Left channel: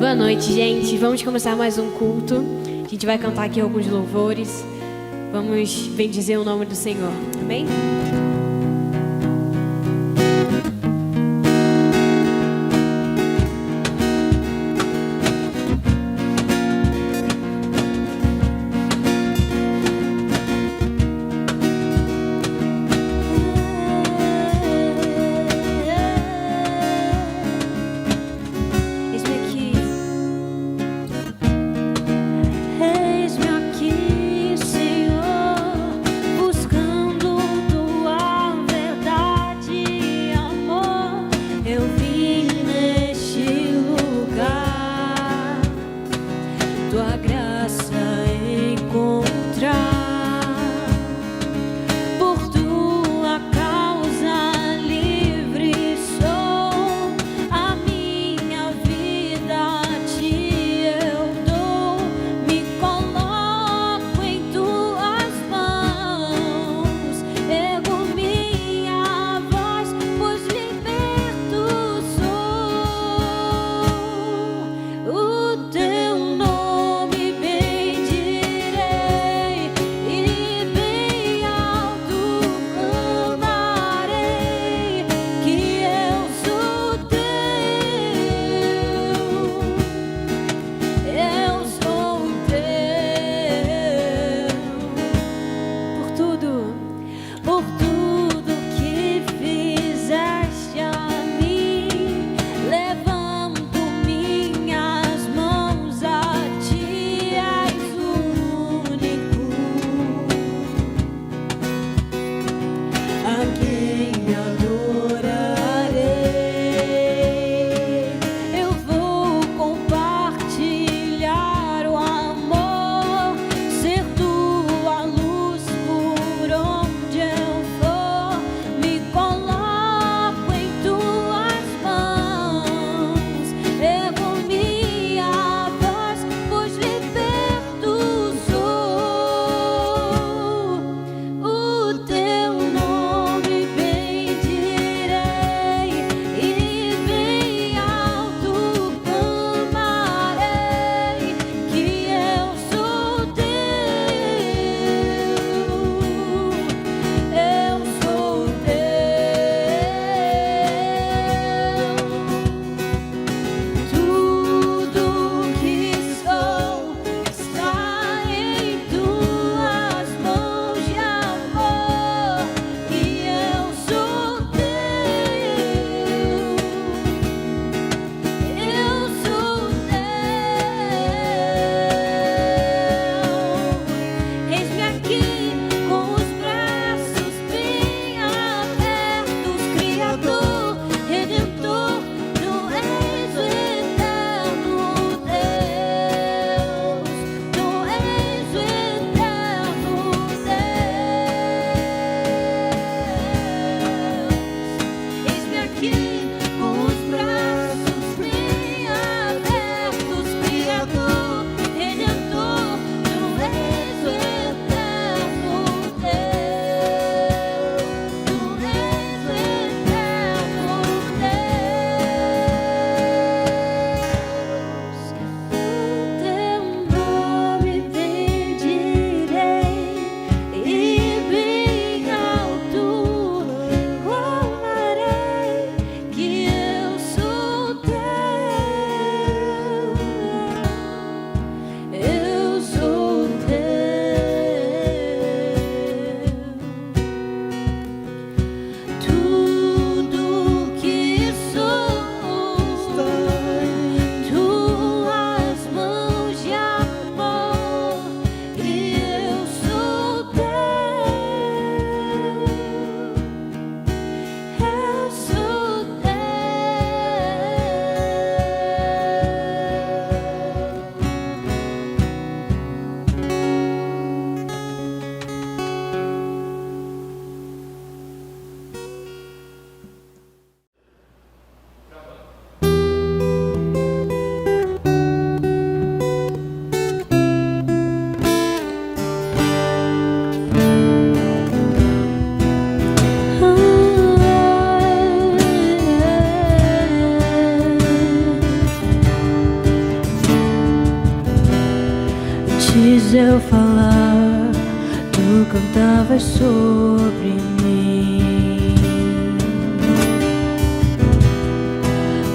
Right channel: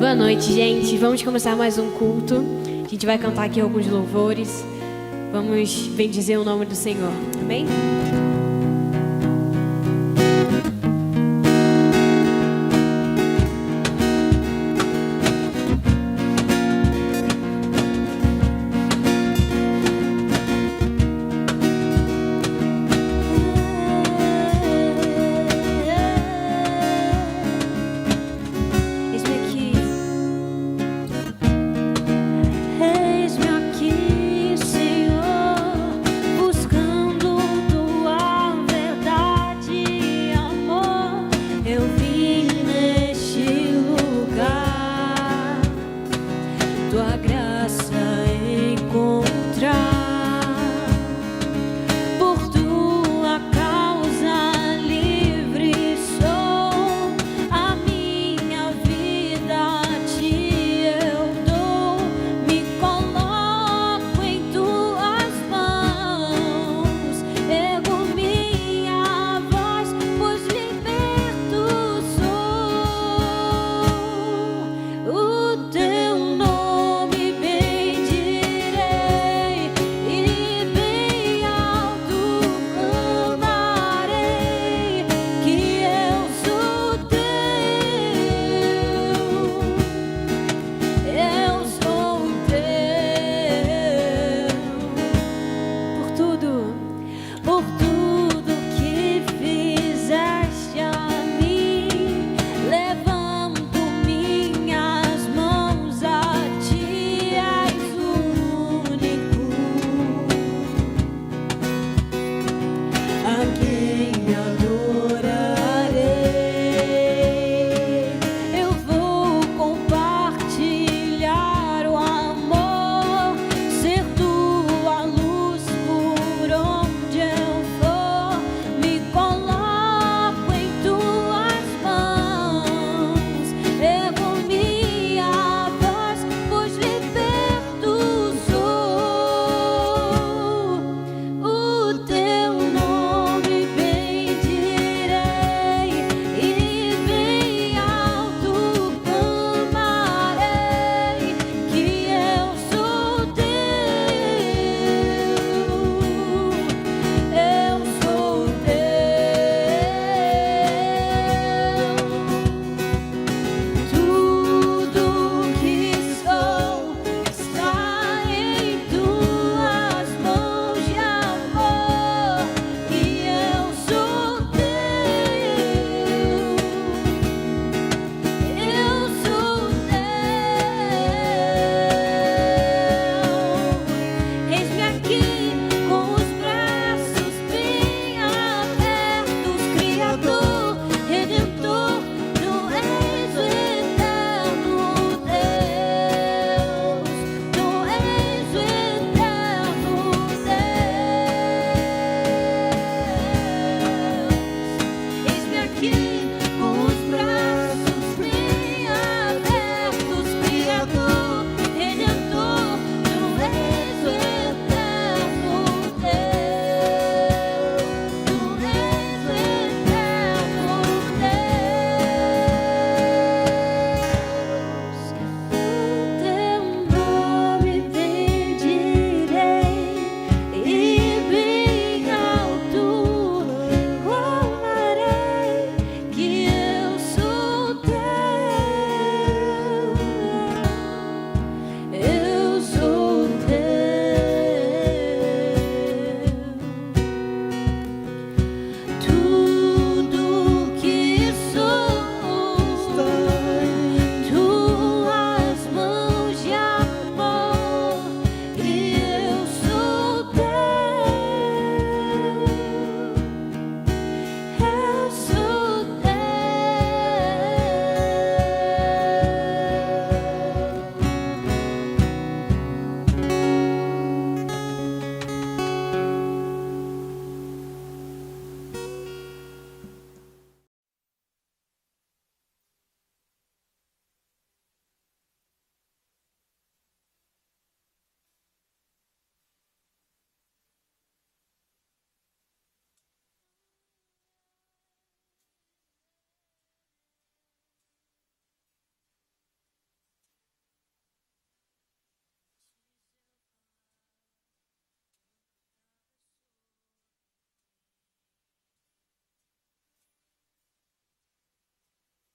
Boa noite, gente. Vamos começar mais um culto. A gente vai cantar aqui alguns louvores. Vamos bendizer o nome do Senhor. Amém? Eis-me aqui, Senhor, buscando tua Antes eu falar, tu cantavas sobre mim.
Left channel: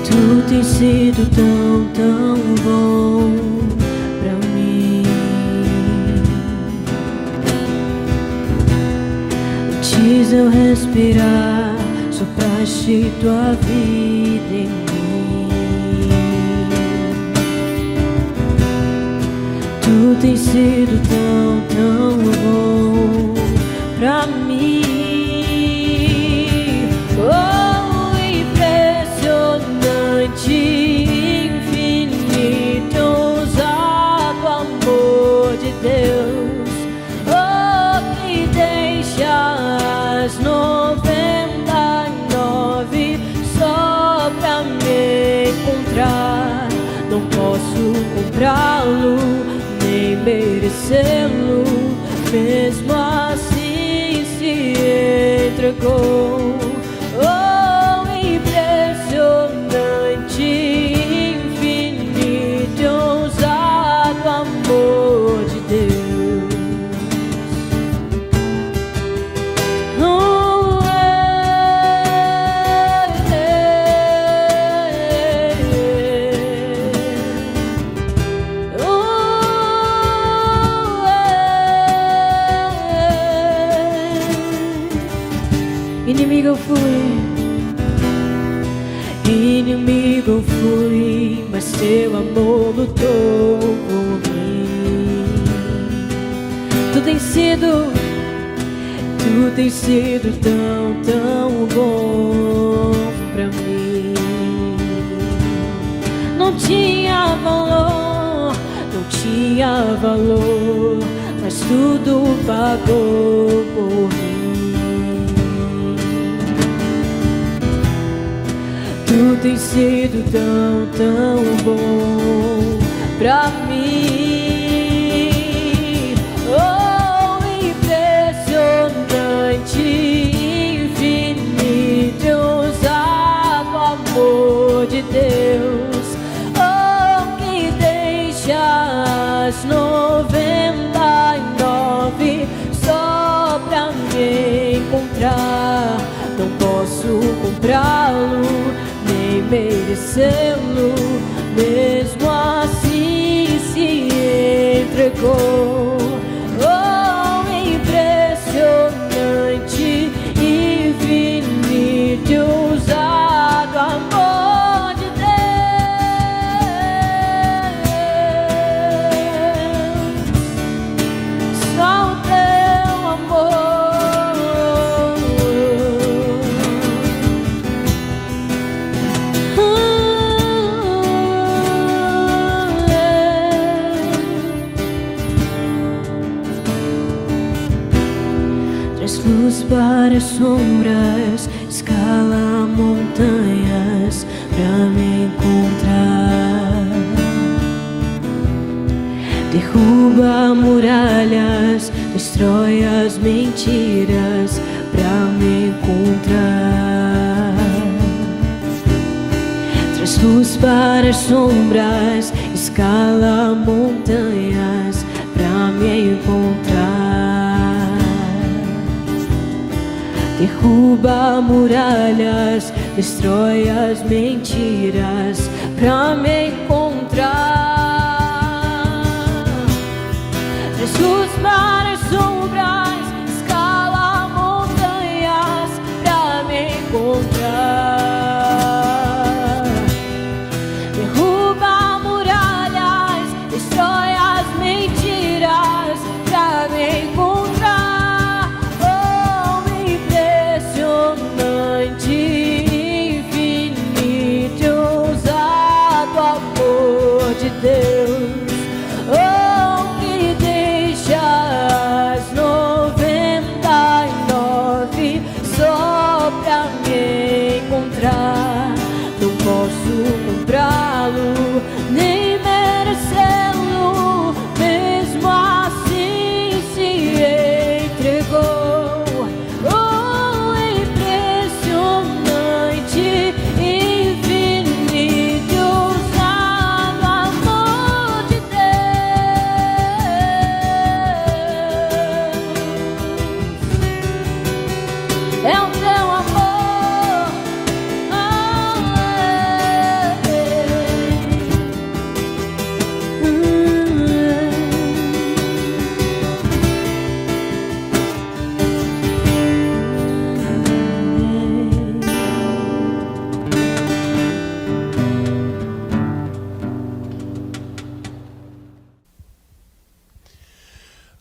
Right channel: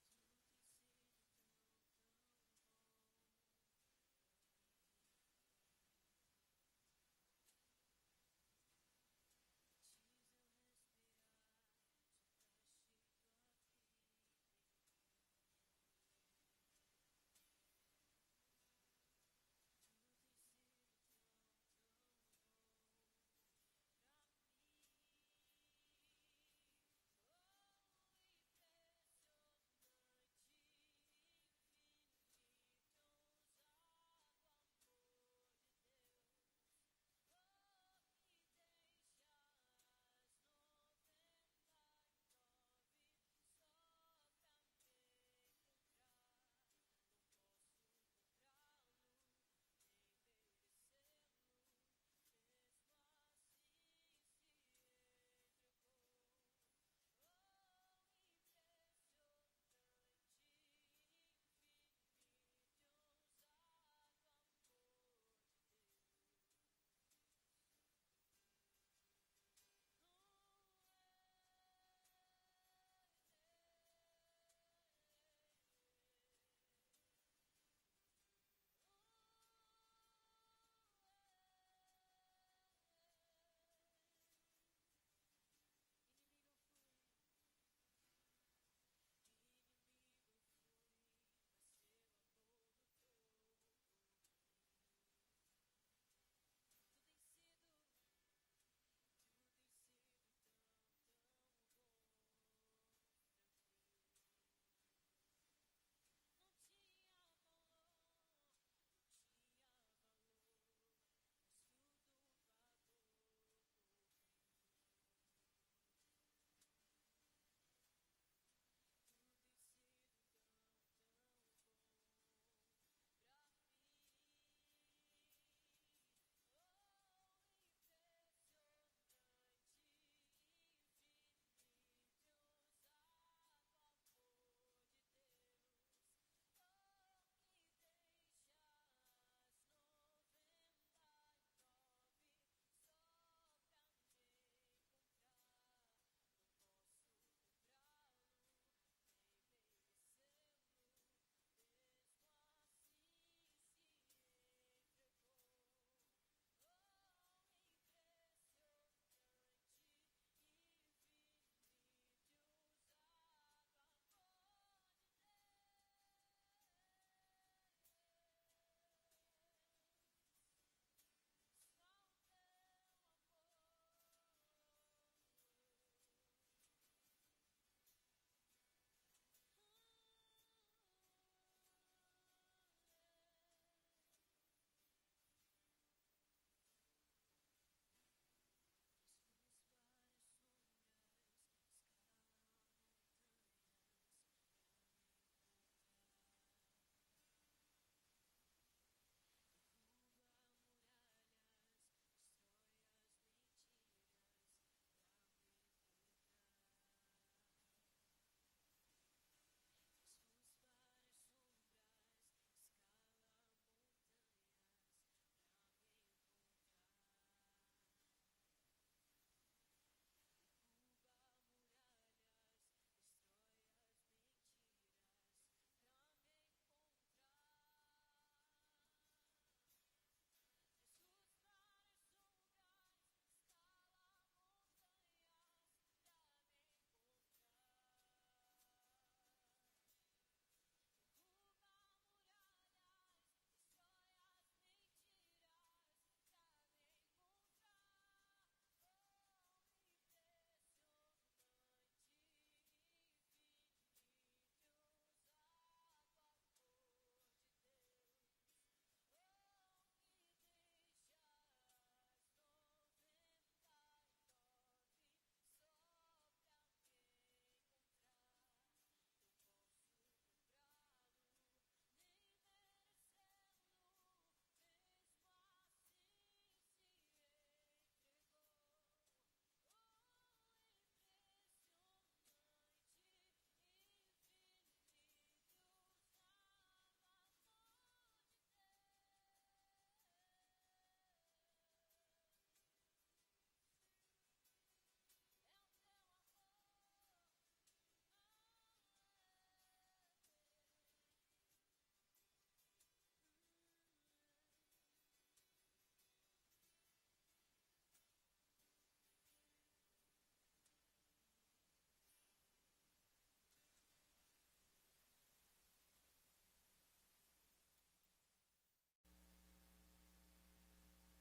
Tu tens sido tão, tão bom pra mim. Antes eu respirar, sopraste tua vida em mim. Tu tens sido tão, tão bom pra mim. Oh, impressionante, infinito, ousado amor de Deus. Oh, que deixa as 99 só pra me encontrar. Não posso comprá-lo, merecê-lo, mesmo assim se entregou. Oh, impressionante, infinito, ousado amor de Deus. Oh, inimigo eu fui, mas teu amor lutou por mim. Tu tens sido tão, tão bom pra mim. Não tinha valor, mas tudo pagou por mim. Tu tens sido tão, tão bom pra mim. Oh, impressionante, infinito, ousado amor de Deus. Oh, que deixa as 99 só pra me encontrar. Não posso comprá-lo, merecê-lo, mesmo assim se entregou. Oh, impressionante, infinito, ousado amor de Deus. Só o teu amor. Traz luz para as sombras, escala montanhas pra me encontrar. Derruba muralhas, destrói as mentiras pra me encontrar. Traz luz para as sombras, escala montanhas pra me encontrar. Derruba muralhas, destrói as mentiras pra me encontrar. Traz luz para as sombras, escala montanhas pra me encontrar. Derruba muralhas, destrói as mentiras pra me encontrar. Oh, impressionante, infinito, ousado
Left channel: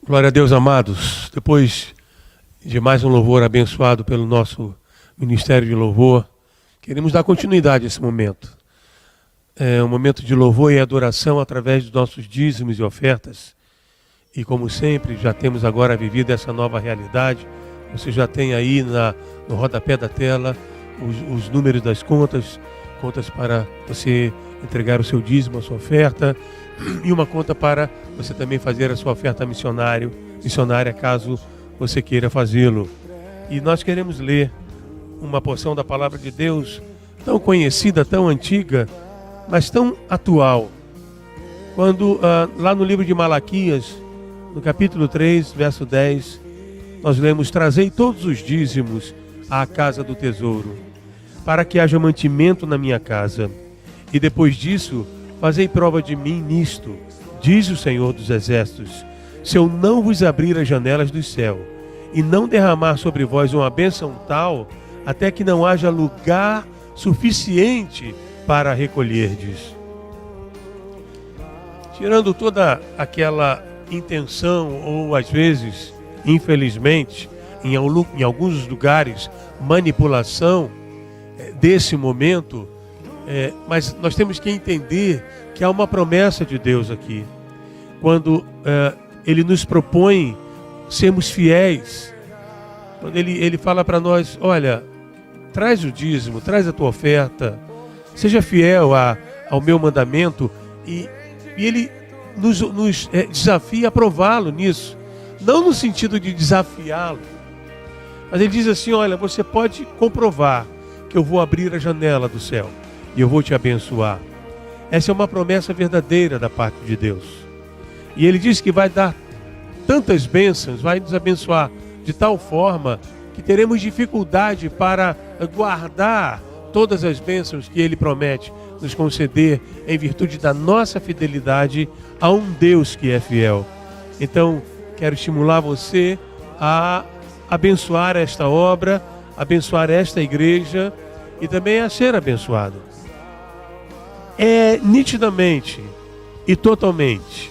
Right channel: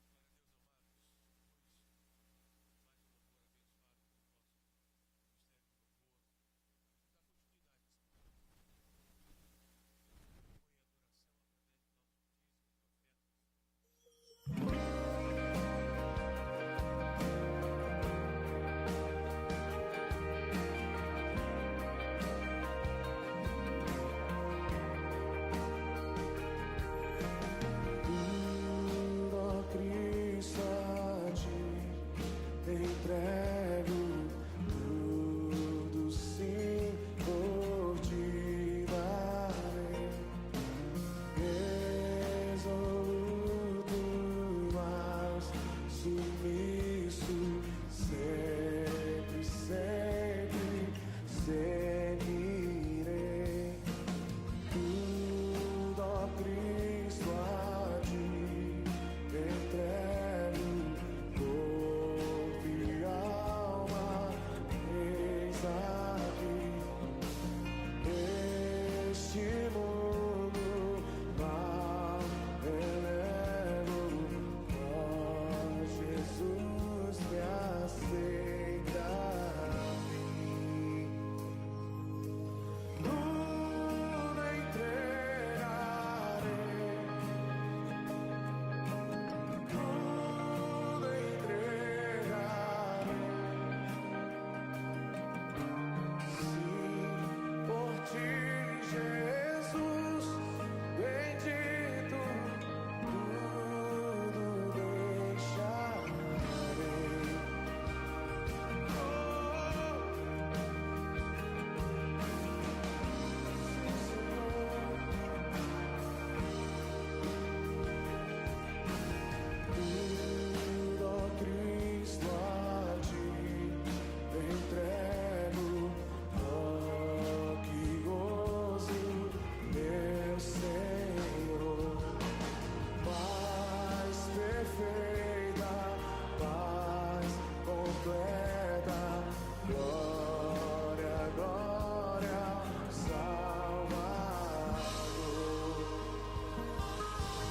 Glória a Deus, amados. Depois de mais um louvor abençoado pelo nosso Ministério de Louvor, queremos dar continuidade a esse momento. É um momento de louvor e adoração através dos nossos dízimos e ofertas. E como sempre, já temos agora vivido essa nova realidade. Você já tem aí no rodapé da tela os números das contas para você entregar o seu dízimo, a sua oferta, e uma conta para você também fazer a sua oferta missionária, caso você queira fazê-lo. E nós queremos ler uma porção da palavra de Deus tão conhecida, tão antiga, mas tão atual. Quando lá no livro de Malaquias, no capítulo 3, verso 10, nós lemos: trazei todos os dízimos à casa do tesouro, para que haja mantimento na minha casa. E depois disso, fazei prova de mim nisto, diz o Senhor dos Exércitos, se eu não vos abrir as janelas do céu, e não derramar sobre vós uma bênção tal, até que não haja lugar suficiente para recolherdes. Tirando toda aquela intenção, ou às vezes, infelizmente, em alguns lugares, manipulação desse momento, mas nós temos que entender que há uma promessa de Deus aqui. Quando Ele nos propõe sermos fiéis, quando Ele fala para nós: olha, traz o dízimo, traz a tua oferta, seja fiel ao meu mandamento, e Ele nos desafia a prová-lo nisso, não no sentido de desafiá-lo, mas Ele diz assim: olha, você pode comprovar que eu vou abrir a janela do céu e eu vou te abençoar. Essa é uma promessa verdadeira da parte de Deus. E Ele diz que vai dar tantas bênçãos, vai nos abençoar de tal forma que teremos dificuldade para guardar todas as bênçãos que Ele promete nos conceder em virtude da nossa fidelidade a um Deus que é fiel. Então, quero estimular você a abençoar esta obra, abençoar esta igreja e também a ser abençoado. É nitidamente e totalmente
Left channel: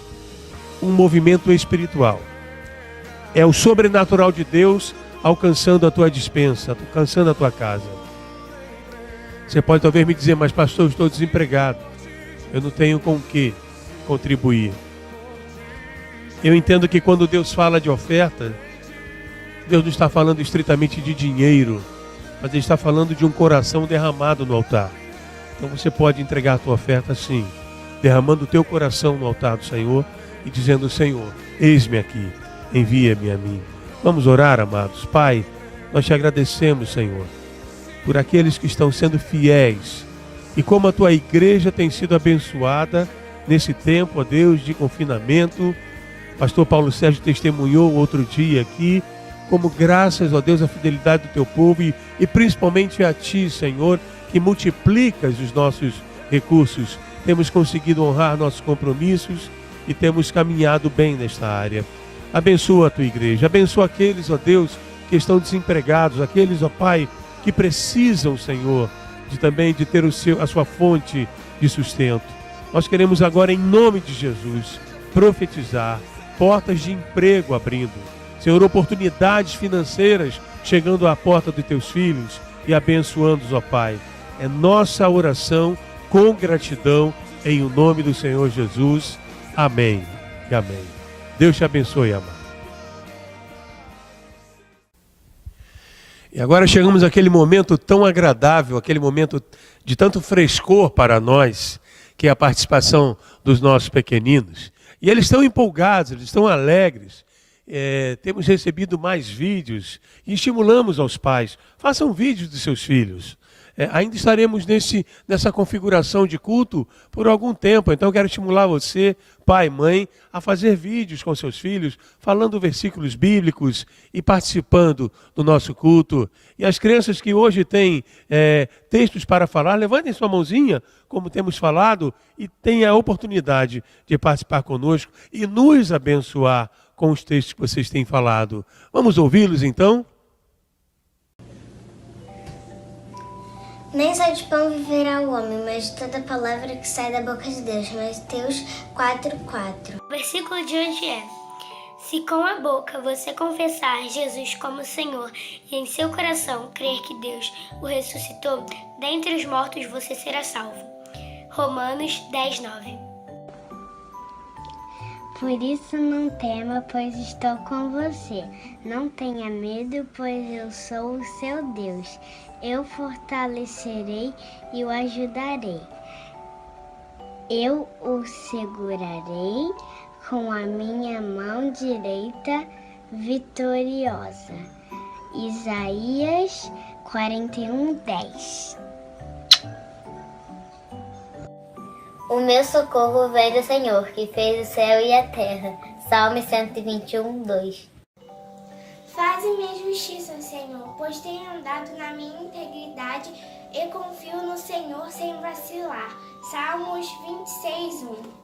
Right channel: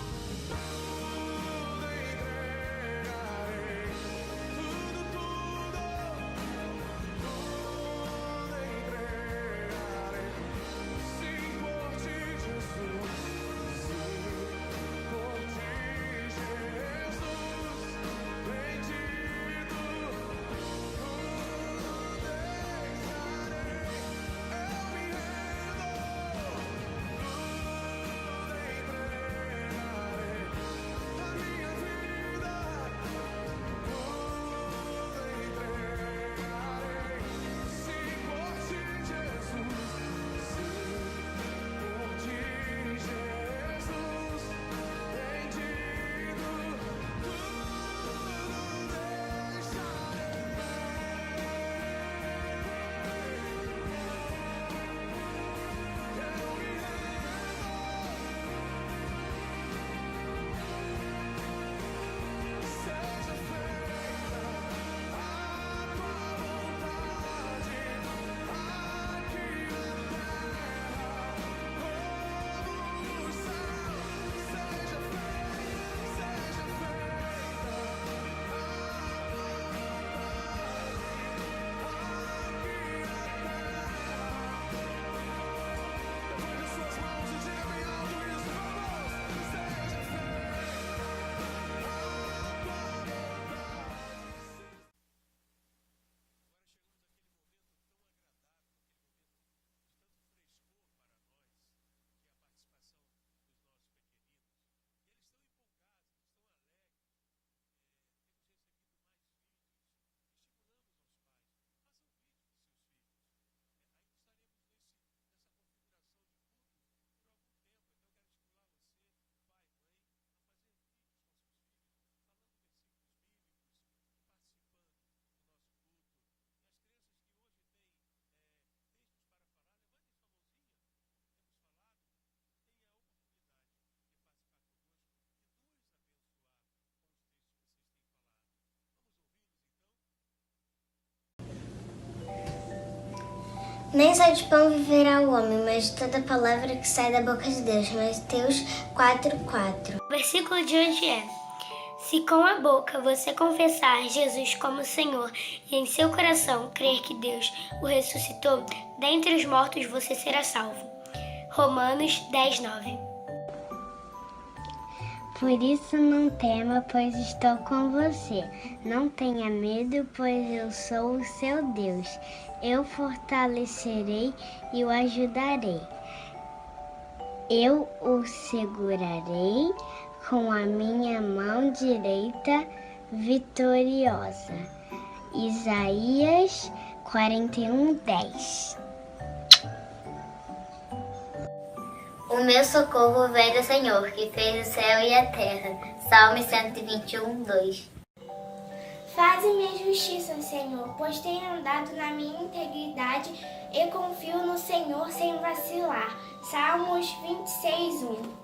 um movimento espiritual. É o sobrenatural de Deus alcançando a tua despensa, alcançando a tua casa. Você pode talvez me dizer: mas pastor, eu estou desempregado, eu não tenho com o que contribuir. Eu entendo que quando Deus fala de oferta, Deus não está falando estritamente de dinheiro, mas Ele está falando de um coração derramado no altar. Então você pode entregar a tua oferta assim, derramando o teu coração no altar do Senhor e dizendo: Senhor, eis-me aqui, envia-me a mim. Vamos orar, amados. Pai, nós te agradecemos, Senhor, por aqueles que estão sendo fiéis e como a tua igreja tem sido abençoada nesse tempo, ó Deus, de confinamento. Pastor Paulo Sérgio testemunhou outro dia aqui como, graças a Deus, a fidelidade do teu povo e principalmente a ti, Senhor, que multiplicas os nossos recursos, temos conseguido honrar nossos compromissos e temos caminhado bem nesta área. Abençoa a tua igreja, abençoa aqueles, ó Deus, que estão desempregados, aqueles, ó Pai, que precisam, Senhor, de ter a sua fonte de sustento. Nós queremos agora, em nome de Jesus, profetizar portas de emprego abrindo, Senhor, oportunidades financeiras chegando à porta dos teus filhos e abençoando-os, ó Pai. É nossa oração com gratidão em o nome do Senhor Jesus. Amém e amém. Deus te abençoe, amado. E agora chegamos àquele momento tão agradável, aquele momento de tanto frescor para nós, que é a participação dos nossos pequeninos. E eles estão empolgados, eles estão alegres. Temos recebido mais vídeos e estimulamos aos pais: façam vídeos dos seus filhos. Ainda estaremos nessa configuração de culto por algum tempo, então quero estimular você, pai, mãe, a fazer vídeos com seus filhos, falando versículos bíblicos e participando do nosso culto. E as crianças que hoje têm textos para falar, levantem sua mãozinha, como temos falado, e tenham a oportunidade de participar conosco e nos abençoar com os textos que vocês têm falado. Vamos ouvi-los então? Nem só de pão viverá o homem, mas de toda palavra que sai da boca de Deus. Mateus 4:4. O versículo de hoje é: Se com a boca você confessar Jesus como Senhor e em seu coração crer que Deus o ressuscitou, dentre os mortos você será salvo. Romanos 10:9. Por isso não tema, pois estou com você. Não tenha medo, pois eu sou o seu Deus. Eu fortalecerei e o ajudarei. Eu o segurarei com a minha mão direita vitoriosa. Isaías 41:10. O meu socorro vem do Senhor, que fez o céu e a terra. Salmo 121:2. Faze-me justiça, Senhor, pois tenho andado na minha integridade e confio no Senhor sem vacilar. Salmos 26:1.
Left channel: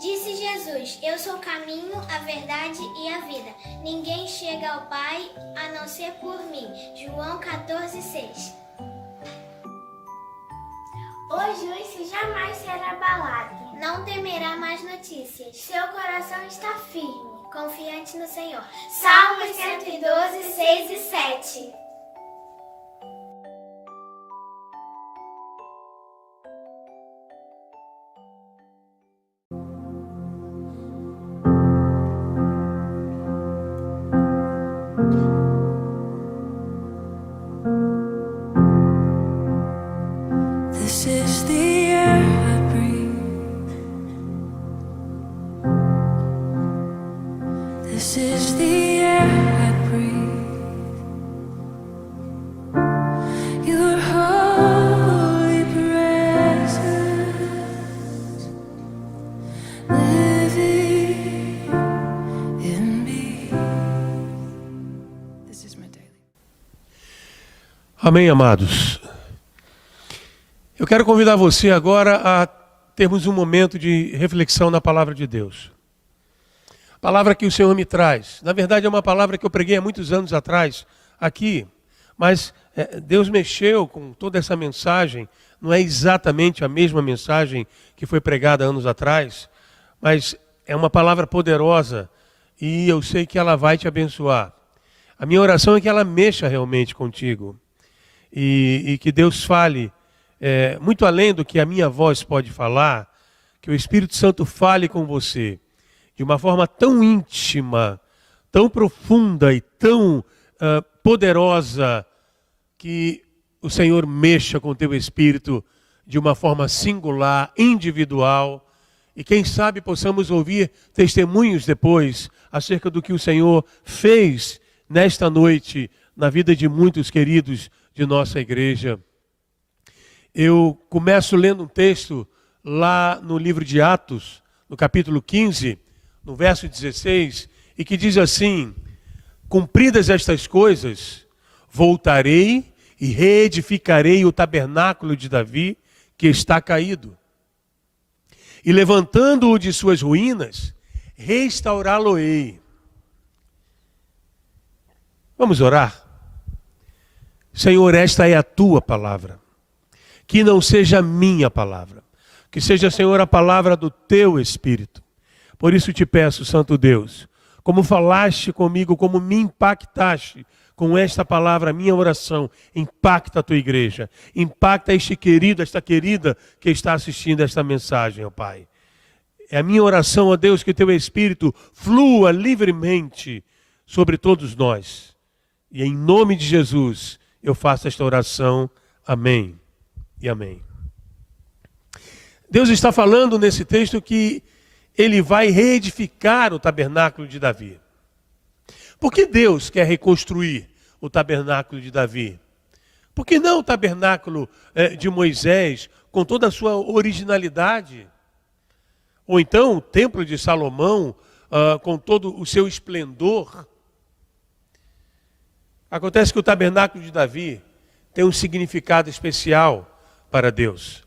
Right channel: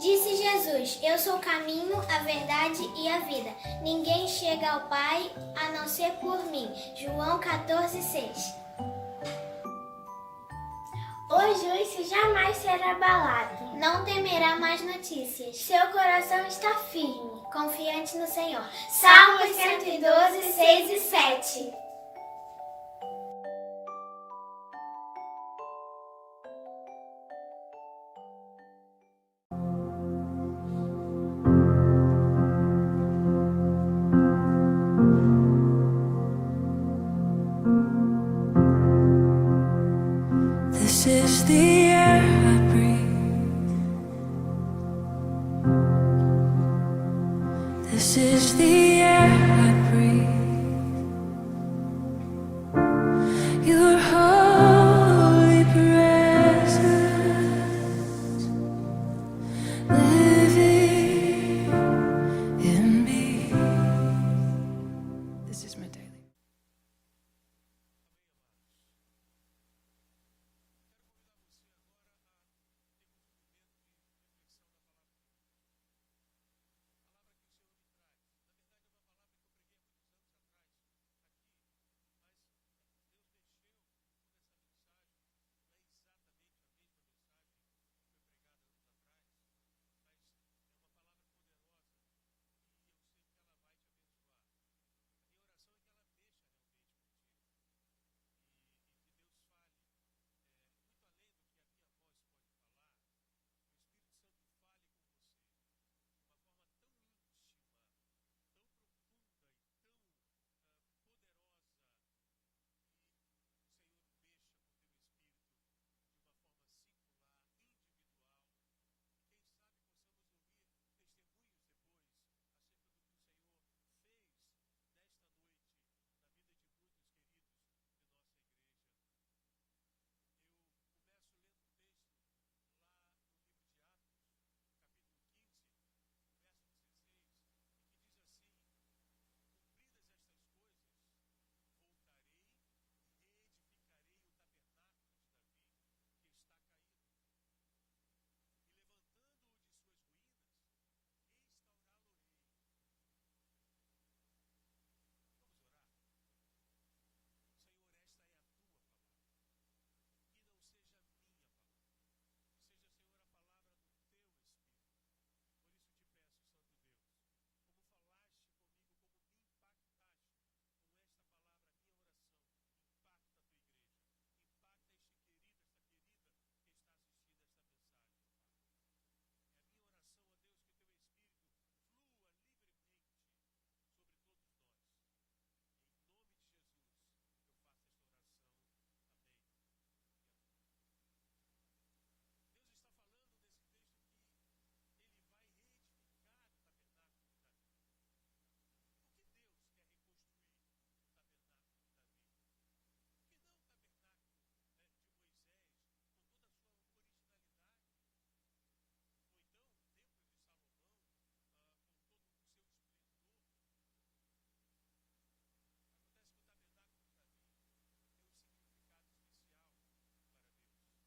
Disse Jesus: Eu sou o caminho, a verdade e a vida. Ninguém chega ao Pai a não ser por mim. João 14:6. O juízo jamais será abalado, não temerá mais notícias. Seu coração está firme, confiante no Senhor. Salmos 112:6 e 7. This is the air I breathe. This is the air I breathe. Your holy presence living in me. This is my daily. Amém, amados. Eu quero convidar você agora a termos um momento de reflexão na palavra de Deus. A palavra que o Senhor me traz. Na verdade, é uma palavra que eu preguei há muitos anos atrás aqui, mas Deus mexeu com toda essa mensagem. Não é exatamente a mesma mensagem que foi pregada anos atrás, mas é uma palavra poderosa e eu sei que ela vai te abençoar. A minha oração é que ela mexa realmente contigo e que Deus fale muito além do que a minha voz pode falar, que o Espírito Santo fale com você de uma forma tão íntima, tão profunda e tão poderosa, que o Senhor mexa com o teu espírito de uma forma singular, individual, e quem sabe possamos ouvir testemunhos depois acerca do que o Senhor fez nesta noite na vida de muitos queridos de nossa igreja. Eu começo lendo um texto lá no livro de Atos, no capítulo 15, no verso 16, e que diz assim: cumpridas estas coisas, voltarei e reedificarei o tabernáculo de Davi, que está caído. E levantando-o de suas ruínas, restaurá-lo-ei. Vamos orar? Senhor, esta é a tua palavra. Que não seja a minha palavra, que seja, Senhor, a palavra do teu Espírito. Por isso te peço, Santo Deus, como falaste comigo, como me impactaste com esta palavra, a minha oração, impacta a tua igreja, impacta este querido, esta querida que está assistindo esta mensagem, ó Pai. É a minha oração, ó Deus, que teu Espírito flua livremente sobre todos nós. E em nome de Jesus, eu faço esta oração. Amém. E amém. Deus está falando nesse texto que ele vai reedificar o tabernáculo de Davi. Por que Deus quer reconstruir o tabernáculo de Davi? Por que não o tabernáculo de Moisés, com toda a sua originalidade? Ou então o templo de Salomão, com todo o seu esplendor? Acontece que o tabernáculo de Davi tem um significado especial para Deus.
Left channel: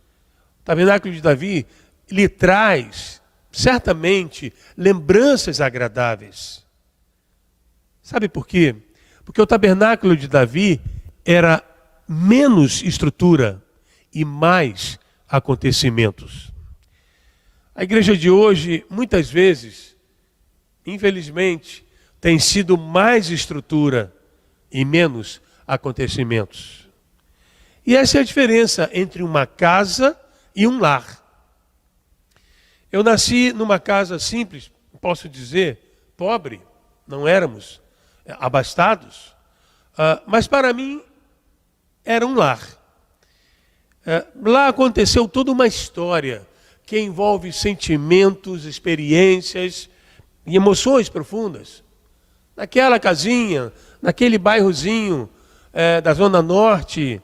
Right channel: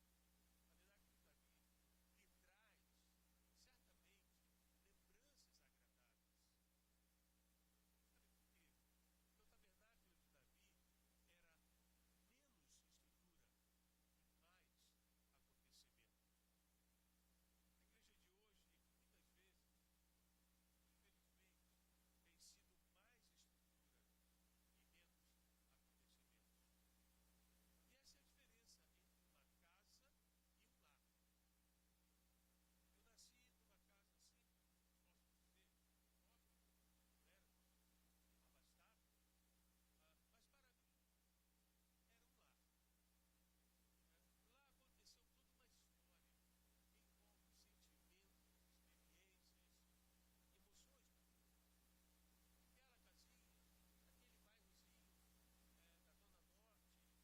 O tabernáculo de Davi lhe traz, certamente, lembranças agradáveis. Sabe por quê? Porque o tabernáculo de Davi era menos estrutura e mais acontecimentos. A igreja de hoje, muitas vezes, infelizmente, tem sido mais estrutura e menos acontecimentos. E essa é a diferença entre uma casa e um lar. Eu nasci numa casa simples, posso dizer, pobre, não éramos abastados, mas para mim era um lar. Lá aconteceu toda uma história que envolve sentimentos, experiências e emoções profundas. Naquela casinha, naquele bairrozinho da Zona Norte.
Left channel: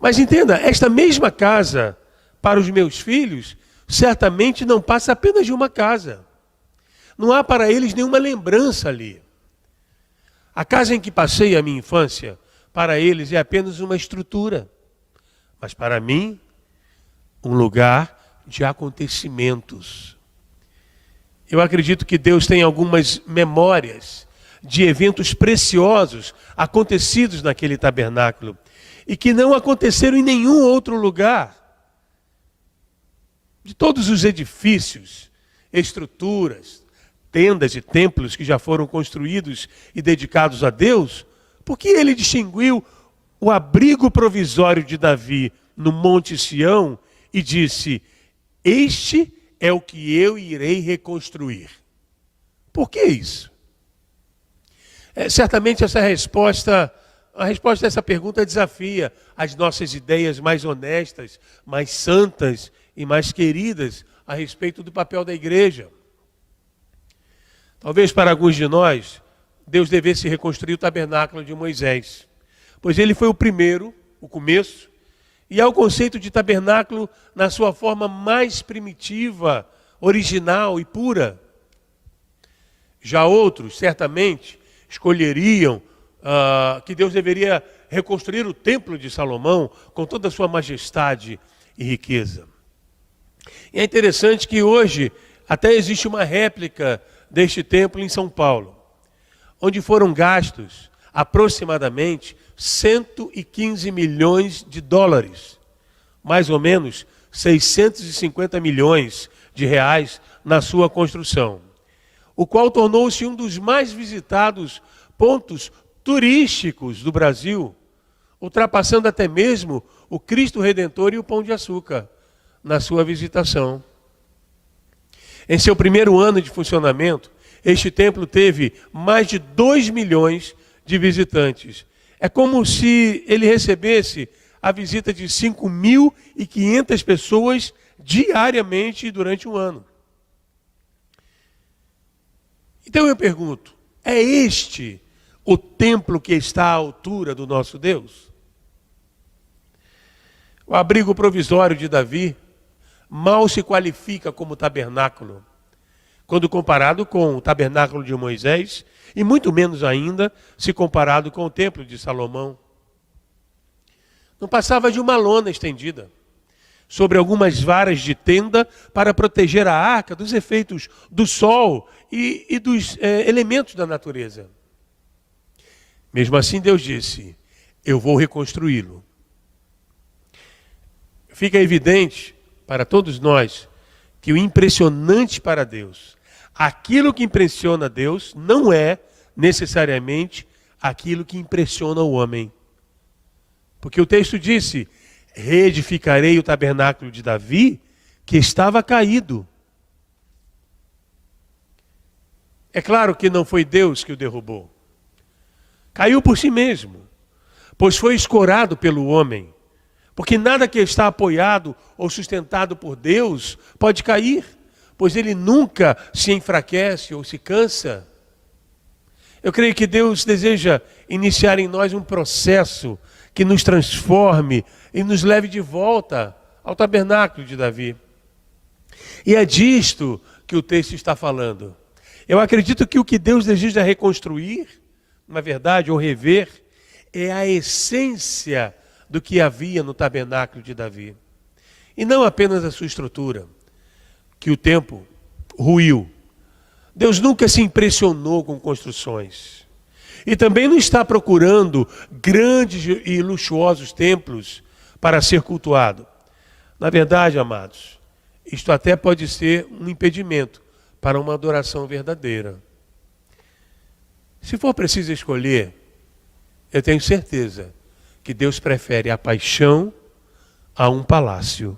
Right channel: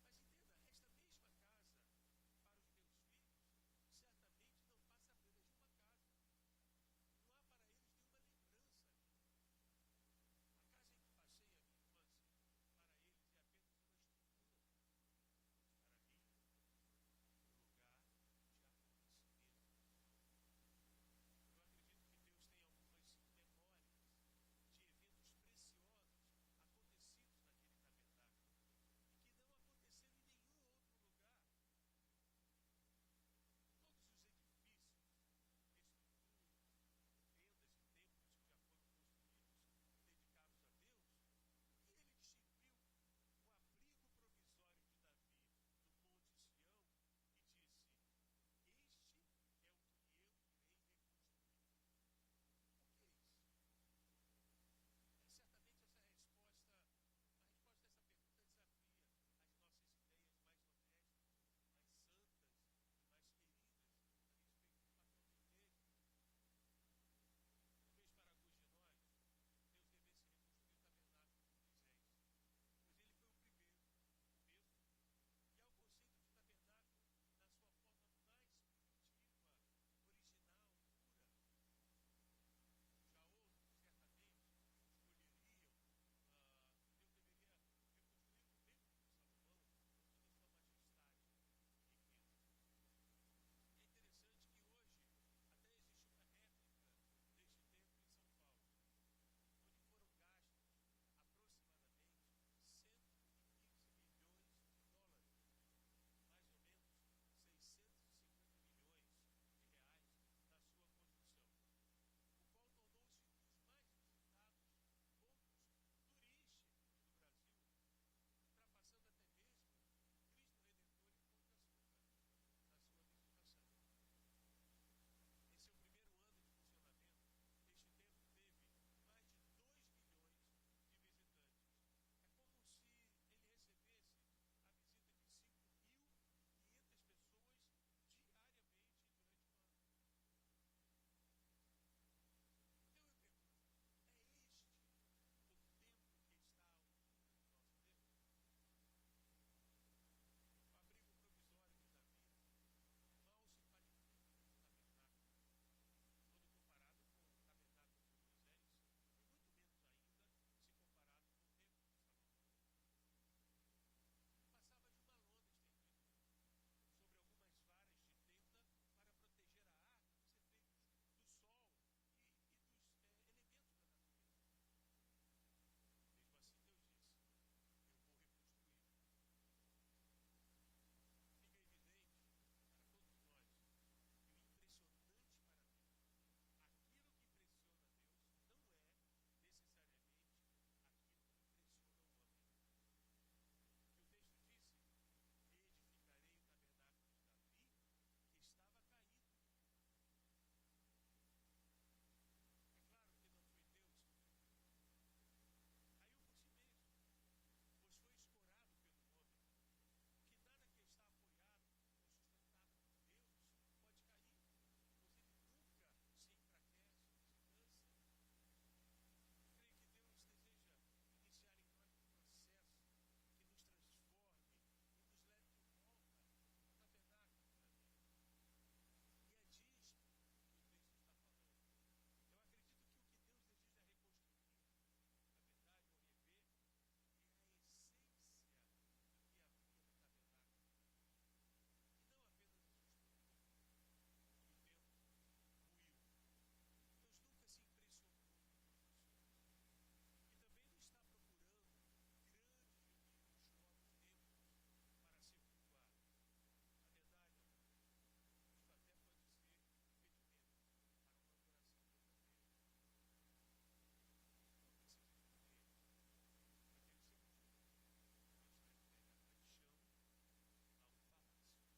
Mas entenda, esta mesma casa, para os meus filhos, certamente não passa apenas de uma casa. Não há para eles nenhuma lembrança ali. A casa em que passei a minha infância, para eles é apenas uma estrutura. Mas para mim, um lugar de acontecimentos. Eu acredito que Deus tem algumas memórias de eventos preciosos acontecidos naquele tabernáculo e que não aconteceram em nenhum outro lugar. De todos os edifícios, estruturas, tendas e templos que já foram construídos e dedicados a Deus, por que ele distinguiu o abrigo provisório de Davi no Monte Sião e disse: este é o que eu irei reconstruir? Por que isso? Certamente a resposta a essa pergunta desafia as nossas ideias mais honestas, mais santas e mais queridas a respeito do papel da igreja. Talvez para alguns de nós, Deus devesse reconstruir o tabernáculo de Moisés, pois ele foi o primeiro, o começo, e é o conceito de tabernáculo na sua forma mais primitiva, original e pura. Já outros, certamente, escolheriam que Deus deveria reconstruir o templo de Salomão com toda a sua majestade e riqueza. E é interessante que hoje até existe uma réplica deste templo em São Paulo, onde foram gastos aproximadamente 115 milhões de dólares, mais ou menos 650 milhões de reais na sua construção, o qual tornou-se um dos mais visitados pontos turísticos do Brasil, ultrapassando até mesmo o Cristo Redentor e o Pão de Açúcar na sua visitação. Em seu primeiro ano de funcionamento, este templo teve mais de 2 milhões de visitantes. É como se ele recebesse a visita de 5.500 pessoas diariamente durante um ano. Então eu pergunto, é este o templo que está à altura do nosso Deus? O abrigo provisório de Davi mal se qualifica como tabernáculo, quando comparado com o tabernáculo de Moisés, e muito menos ainda se comparado com o templo de Salomão. Não passava de uma lona estendida sobre algumas varas de tenda para proteger a arca dos efeitos do sol e dos elementos da natureza. Mesmo assim, Deus disse: eu vou reconstruí-lo. Fica evidente para todos nós que o impressionante para Deus, aquilo que impressiona Deus, não é necessariamente aquilo que impressiona o homem. Porque o texto disse: reedificarei o tabernáculo de Davi, que estava caído. É claro que não foi Deus que o derrubou. Caiu por si mesmo, pois foi escorado pelo homem. Porque nada que está apoiado ou sustentado por Deus pode cair, pois ele nunca se enfraquece ou se cansa. Eu creio que Deus deseja iniciar em nós um processo que nos transforme e nos leve de volta ao tabernáculo de Davi. E é disto que o texto está falando. Eu acredito que o que Deus deseja reconstruir, na verdade, ou rever, é a essência do que havia no tabernáculo de Davi. E não apenas a sua estrutura, que o tempo ruiu. Deus nunca se impressionou com construções. E também não está procurando grandes e luxuosos templos para ser cultuado. Na verdade, amados, isto até pode ser um impedimento para uma adoração verdadeira. Se for preciso escolher, eu tenho certeza que Deus prefere a paixão a um palácio.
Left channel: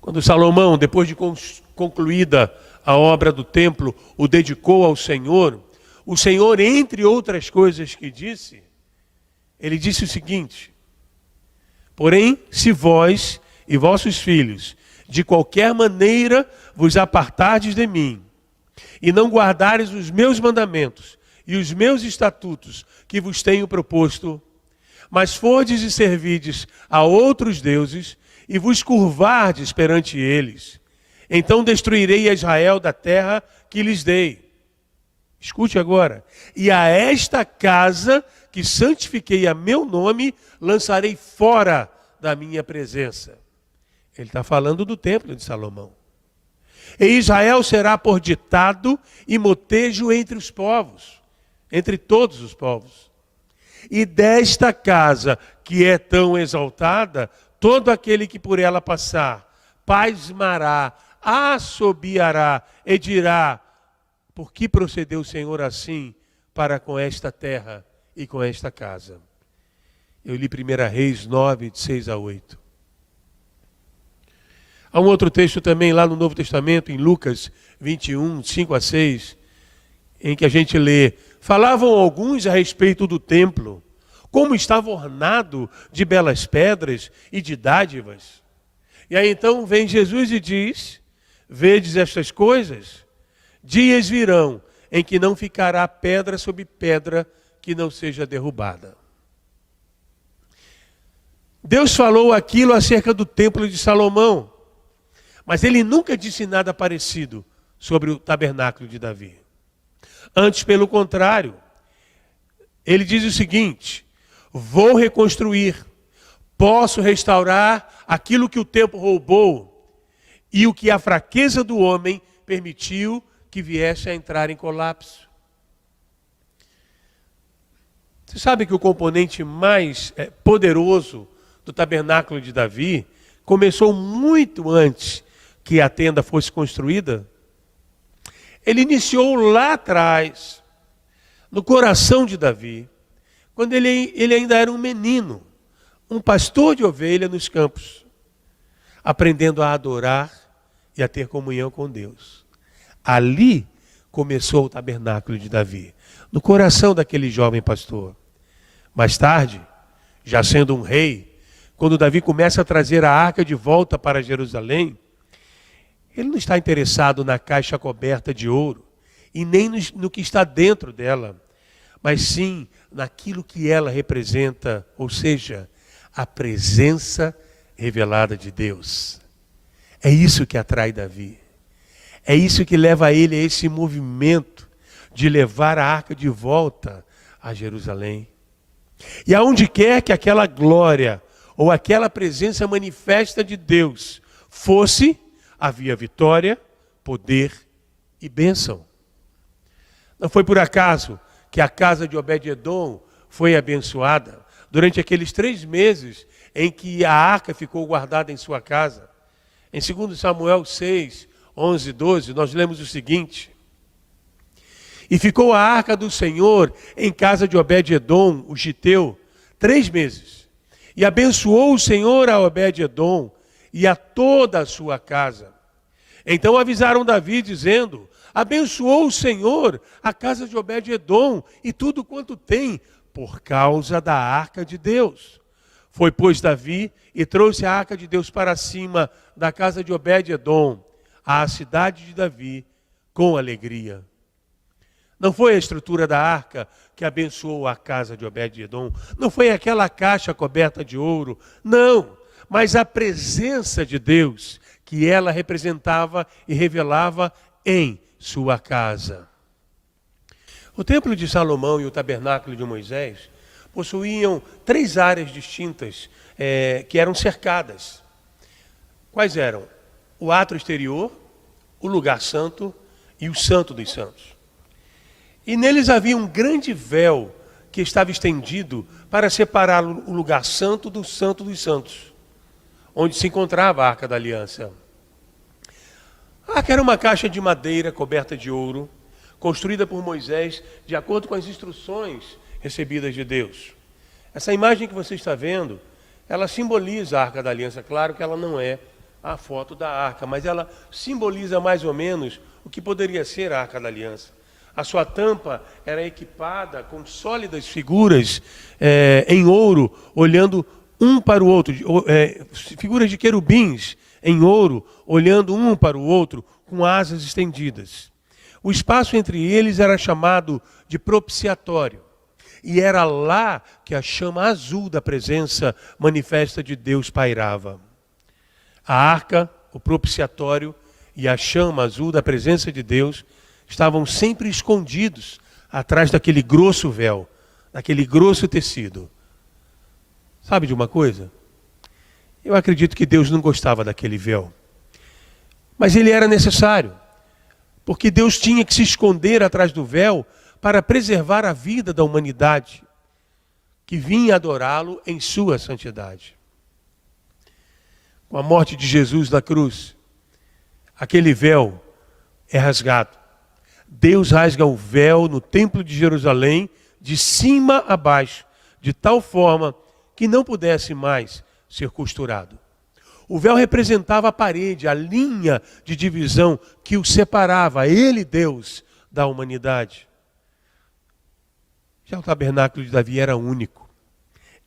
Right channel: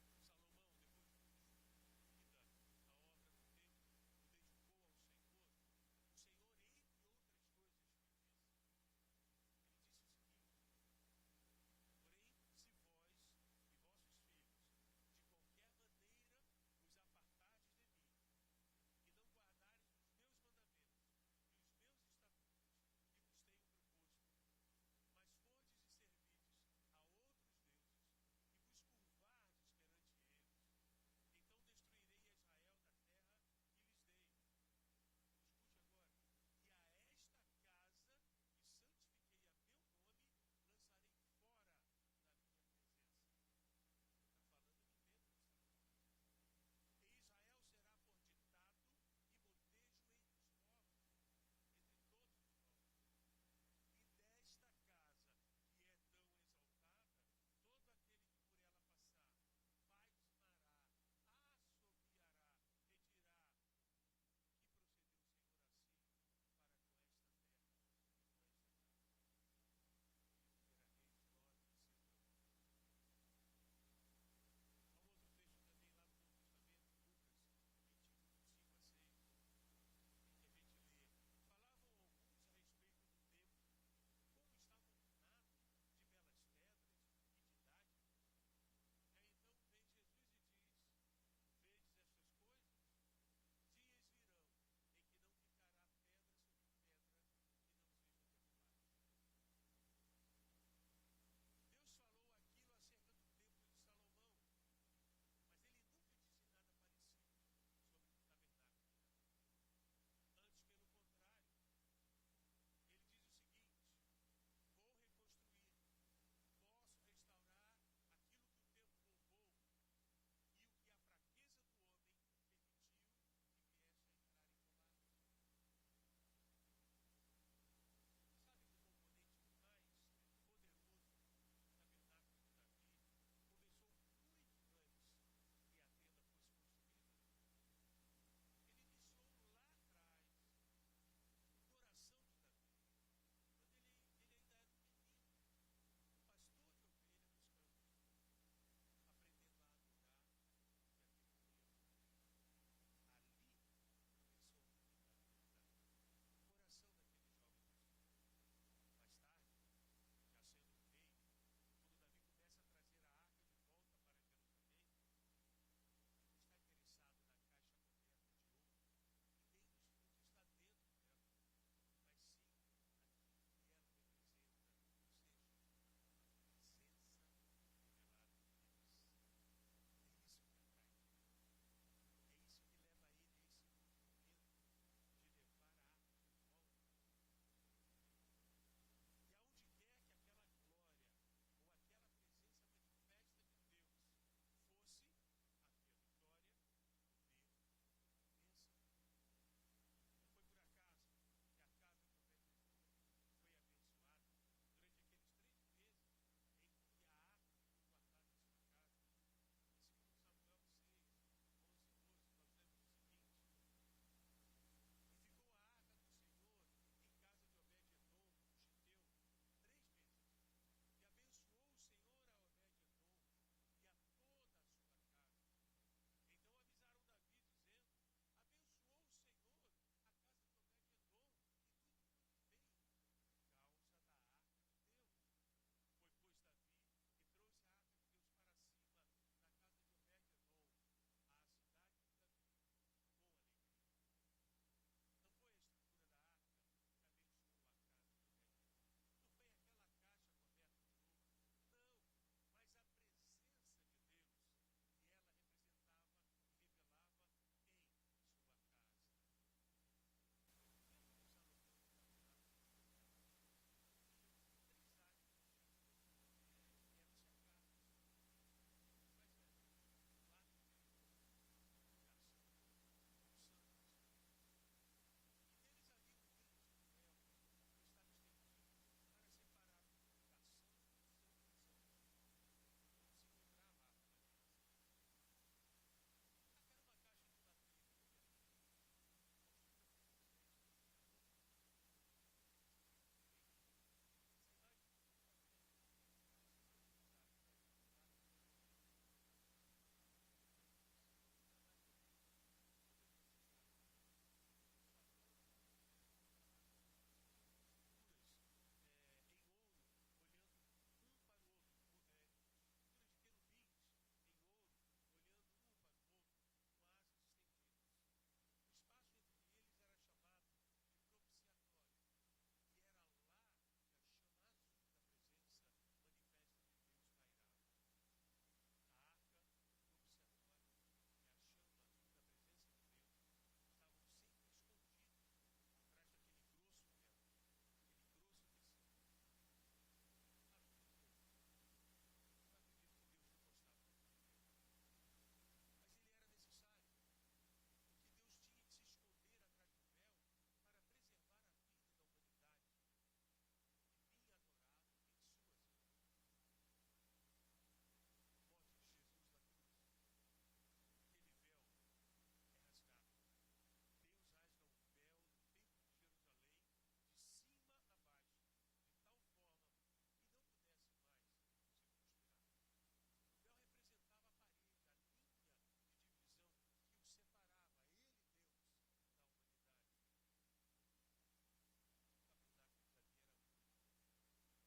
Quando Salomão, depois de concluída a obra do templo, o dedicou ao Senhor, o Senhor, entre outras coisas que disse, ele disse o seguinte: porém, se vós e vossos filhos, de qualquer maneira vos apartardes de mim, e não guardares os meus mandamentos e os meus estatutos que vos tenho proposto, mas fordes e servides a outros deuses, e vos curvardes perante eles, então destruirei a Israel da terra que lhes dei. Escute agora. E a esta casa que santifiquei a meu nome, lançarei fora da minha presença. Ele está falando do templo de Salomão. E Israel será por ditado e motejo entre os povos, entre todos os povos. E desta casa que é tão exaltada, todo aquele que por ela passar, pasmará, assobiará e dirá: por que procedeu o Senhor assim para com esta terra e com esta casa? Eu li 1 Reis 9, de 6 a 8. Há um outro texto também lá no Novo Testamento, em Lucas 21, 5 a 6, em que a gente lê: falavam alguns a respeito do templo, como estava ornado de belas pedras e de dádivas. E aí então vem Jesus e diz: vedes estas coisas? Dias virão em que não ficará pedra sobre pedra que não seja derrubada. Deus falou aquilo acerca do templo de Salomão, mas ele nunca disse nada parecido sobre o tabernáculo de Davi. Antes, pelo contrário, ele diz o seguinte: vou reconstruir, posso restaurar aquilo que o tempo roubou e o que a fraqueza do homem permitiu que viesse a entrar em colapso. Você sabe que o componente mais poderoso do tabernáculo de Davi começou muito antes que a tenda fosse construída? Ele iniciou lá atrás, no coração de Davi, quando ele ainda era um menino, um pastor de ovelha nos campos, aprendendo a adorar e a ter comunhão com Deus. Ali começou o tabernáculo de Davi, no coração daquele jovem pastor. Mais tarde, já sendo um rei, quando Davi começa a trazer a arca de volta para Jerusalém, ele não está interessado na caixa coberta de ouro, e nem no que está dentro dela, mas sim naquilo que ela representa, ou seja, a presença revelada de Deus. É isso que atrai Davi. É isso que leva ele a esse movimento de levar a arca de volta a Jerusalém. E aonde quer que aquela glória ou aquela presença manifesta de Deus fosse, havia vitória, poder e bênção. Não foi por acaso que a casa de Obed-Edom foi abençoada durante aqueles 3 meses em que a arca ficou guardada em sua casa. Em 2 Samuel 6, 11, 12, nós lemos o seguinte: e ficou a arca do Senhor em casa de Obed-Edom, o giteu, 3 meses. E abençoou o Senhor a Obed-Edom e a toda a sua casa. Então avisaram Davi, dizendo: abençoou o Senhor a casa de Obed-Edom e tudo quanto tem, por causa da arca de Deus. Foi, pois, Davi e trouxe a arca de Deus para cima da casa de Obed-Edom, à cidade de Davi, com alegria. Não foi a estrutura da arca que abençoou a casa de Obed-Edom, não foi aquela caixa coberta de ouro, não, mas a presença de Deus que ela representava e revelava em sua casa. O templo de Salomão e o tabernáculo de Moisés possuíam 3 áreas distintas que eram cercadas. Quais eram? O átrio exterior, o lugar santo e o santo dos santos. E neles havia um grande véu que estava estendido para separar o lugar santo do santo dos santos, onde se encontrava a Arca da Aliança. A arca era uma caixa de madeira coberta de ouro, construída por Moisés de acordo com as instruções recebidas de Deus. Essa imagem que você está vendo, ela simboliza a Arca da Aliança. Claro que ela não é a foto da arca, mas ela simboliza mais ou menos o que poderia ser a Arca da Aliança. A sua tampa era equipada com sólidas figuras em ouro, olhando um para o outro, figuras de querubins em ouro, olhando um para o outro, com asas estendidas. O espaço entre eles era chamado de propiciatório. E era lá que a chama azul da presença manifesta de Deus pairava. A arca, o propiciatório e a chama azul da presença de Deus estavam sempre escondidos atrás daquele grosso véu, daquele grosso tecido. Sabe de uma coisa? Eu acredito que Deus não gostava daquele véu. Mas ele era necessário, porque Deus tinha que se esconder atrás do véu para preservar a vida da humanidade que vinha adorá-lo em sua santidade. Com a morte de Jesus na cruz, aquele véu é rasgado. Deus rasga o véu no templo de Jerusalém, de cima a baixo, de tal forma que não pudesse mais ser costurado. O véu representava a parede, a linha de divisão que o separava, ele, Deus, da humanidade. Já o tabernáculo de Davi era único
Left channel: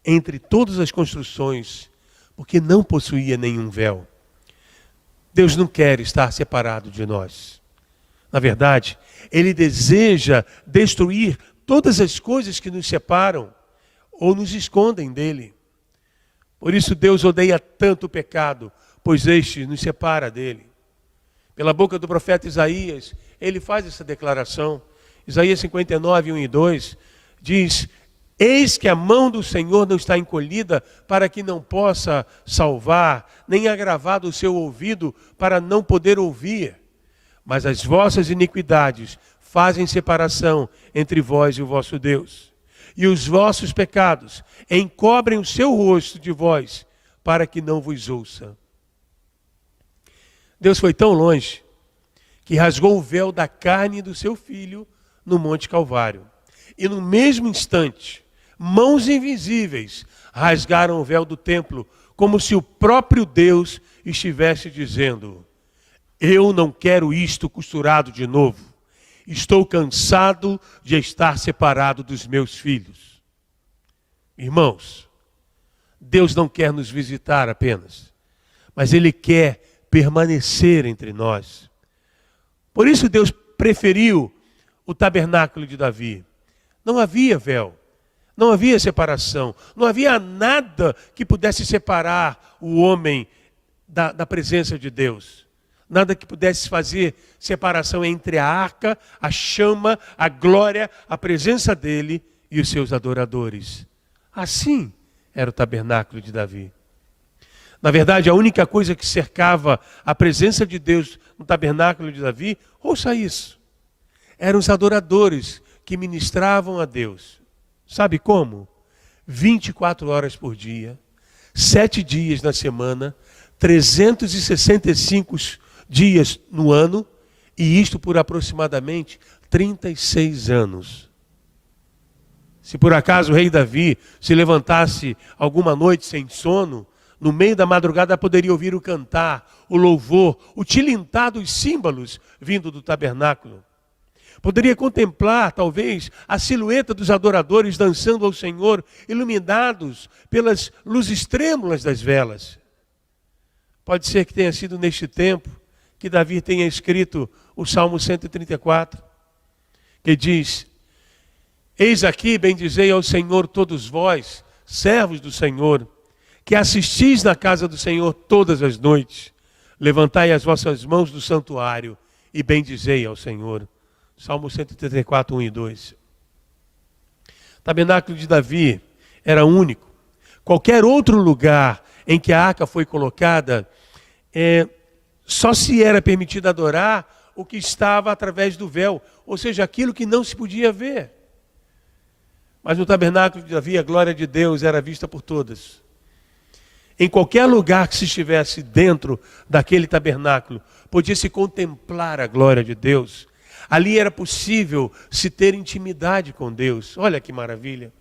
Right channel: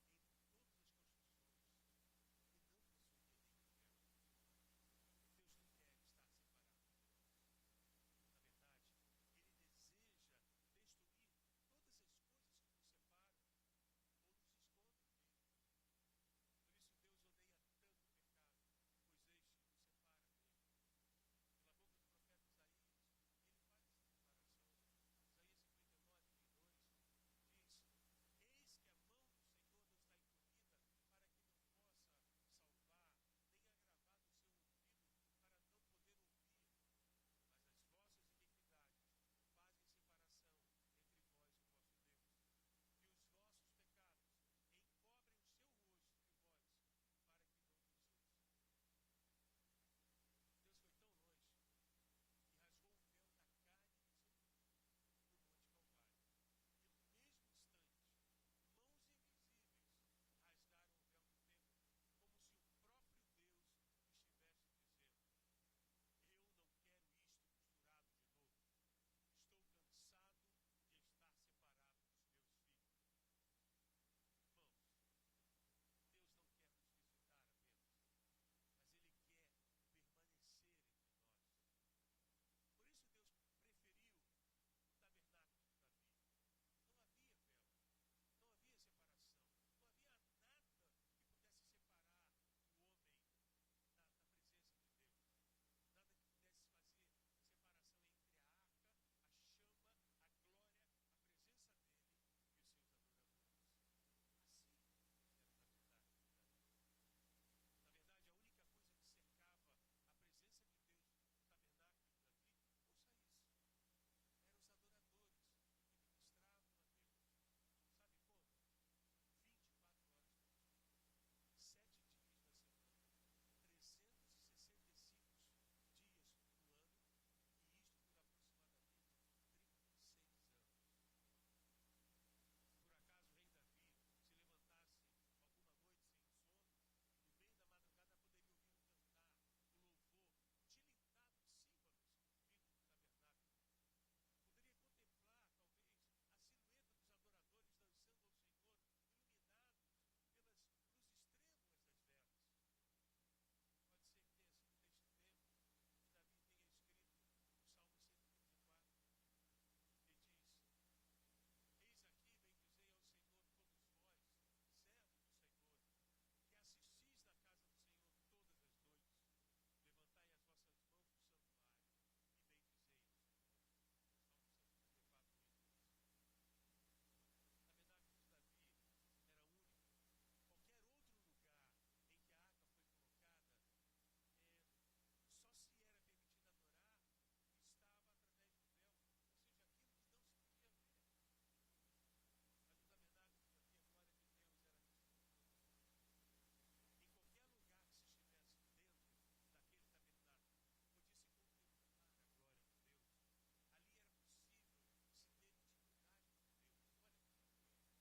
entre todas as construções, porque não possuía nenhum véu. Deus não quer estar separado de nós. Na verdade, Ele deseja destruir todas as coisas que nos separam ou nos escondem dele. Por isso Deus odeia tanto o pecado, pois este nos separa dele. Pela boca do profeta Isaías, ele faz essa declaração. Isaías 59, 1 e 2, diz: eis que a mão do Senhor não está encolhida para que não possa salvar, nem agravado o seu ouvido para não poder ouvir. Mas as vossas iniquidades fazem separação entre vós e o vosso Deus. E os vossos pecados encobrem o seu rosto de vós, para que não vos ouça. Deus foi tão longe, que rasgou o véu da carne do seu Filho no Monte Calvário. E no mesmo instante, mãos invisíveis rasgaram o véu do templo, como se o próprio Deus estivesse dizendo: eu não quero isto costurado de novo. Estou cansado de estar separado dos meus filhos. Irmãos, Deus não quer nos visitar apenas, mas Ele quer permanecer entre nós. Por isso Deus preferiu o tabernáculo de Davi. Não havia véu, não havia separação, não havia nada que pudesse separar o homem da presença de Deus. Nada que pudesse fazer separação entre a arca, a chama, a glória, a presença dele e os seus adoradores. Assim era o tabernáculo de Davi. Na verdade, a única coisa que cercava a presença de Deus no tabernáculo de Davi, ouça isso, eram os adoradores que ministravam a Deus. Sabe como? 24 horas por dia, 7 dias na semana, 365 dias no ano, e isto por aproximadamente 36 anos. Se por acaso o rei Davi se levantasse alguma noite sem sono, no meio da madrugada poderia ouvir o cantar, o louvor, o tilintar dos símbolos vindo do tabernáculo. Poderia contemplar, talvez, a silhueta dos adoradores dançando ao Senhor, iluminados pelas luzes trêmulas das velas. Pode ser que tenha sido neste tempo que Davi tenha escrito o Salmo 134, que diz: eis aqui, bendizei ao Senhor todos vós, servos do Senhor, que assistis na casa do Senhor todas as noites. Levantai as vossas mãos do santuário e bendizei ao Senhor. Salmo 134, 1 e 2. O tabernáculo de Davi era único. Qualquer outro lugar em que a arca foi colocada, só se era permitido adorar o que estava através do véu, ou seja, aquilo que não se podia ver. Mas no tabernáculo de Davi, a glória de Deus era vista por todas. Em qualquer lugar que se estivesse dentro daquele tabernáculo, podia-se contemplar a glória de Deus. Ali era possível se ter intimidade com Deus. Olha que maravilha.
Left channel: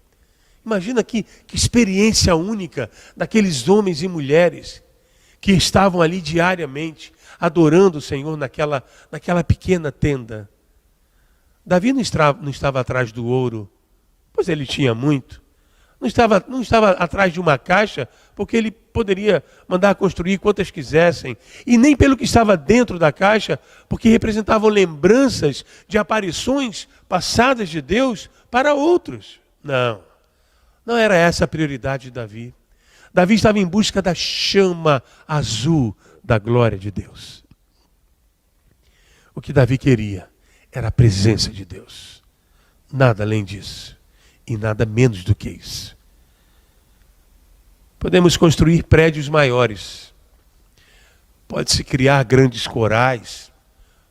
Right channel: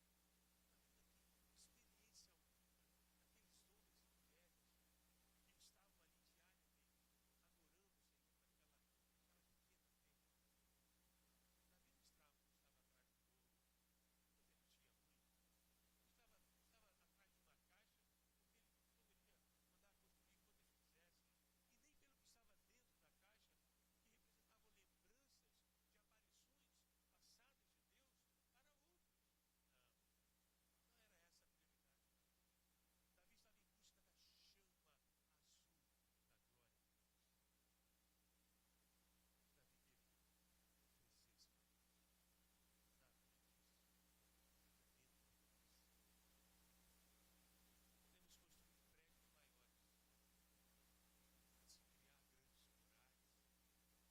Imagina que experiência única daqueles homens e mulheres que estavam ali diariamente, adorando o Senhor naquela pequena tenda. Davi não estava atrás do ouro, pois ele tinha muito. Não estava atrás de uma caixa, porque ele poderia mandar construir quantas quisessem. E nem pelo que estava dentro da caixa, porque representavam lembranças de aparições passadas de Deus para outros. Não era essa a prioridade de Davi. Davi estava em busca da chama azul da glória de Deus. O que Davi queria era a presença de Deus. Nada além disso. E nada menos do que isso. Podemos construir prédios maiores. Pode-se criar grandes corais.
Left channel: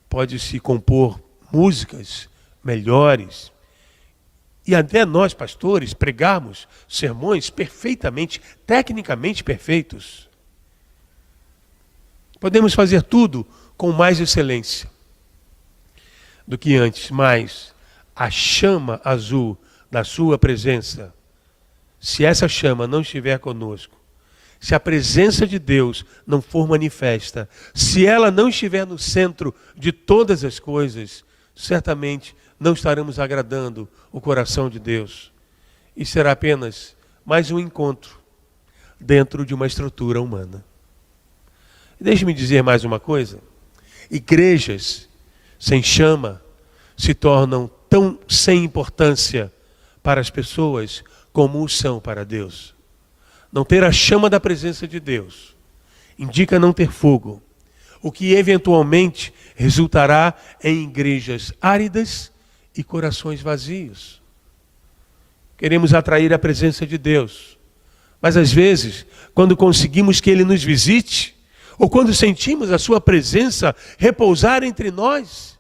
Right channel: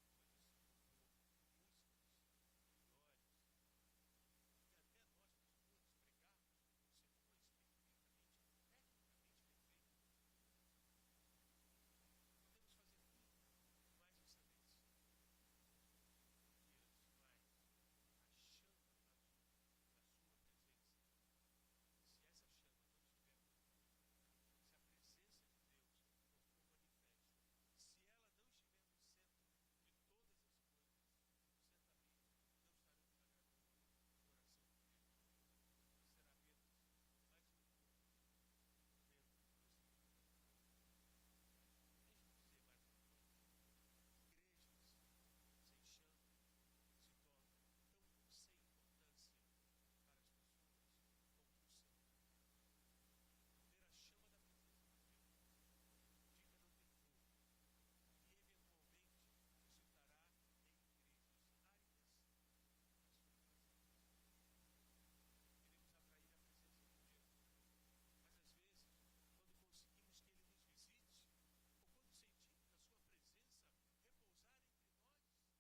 Pode-se compor músicas melhores. E até nós, pastores, pregarmos sermões perfeitamente, tecnicamente perfeitos. Podemos fazer tudo com mais excelência do que antes, mas a chama azul da sua presença, se essa chama não estiver conosco, se a presença de Deus não for manifesta, se ela não estiver no centro de todas as coisas, certamente não estaremos agradando o coração de Deus. E será apenas mais um encontro dentro de uma estrutura humana. Deixe-me dizer mais uma coisa. Igrejas sem chama se tornam tão sem importância para as pessoas como o são para Deus. Não ter a chama da presença de Deus indica não ter fogo, o que eventualmente resultará em igrejas áridas e corações vazios. Queremos atrair a presença de Deus, mas às vezes, quando conseguimos que Ele nos visite, ou quando sentimos a sua presença repousar entre nós,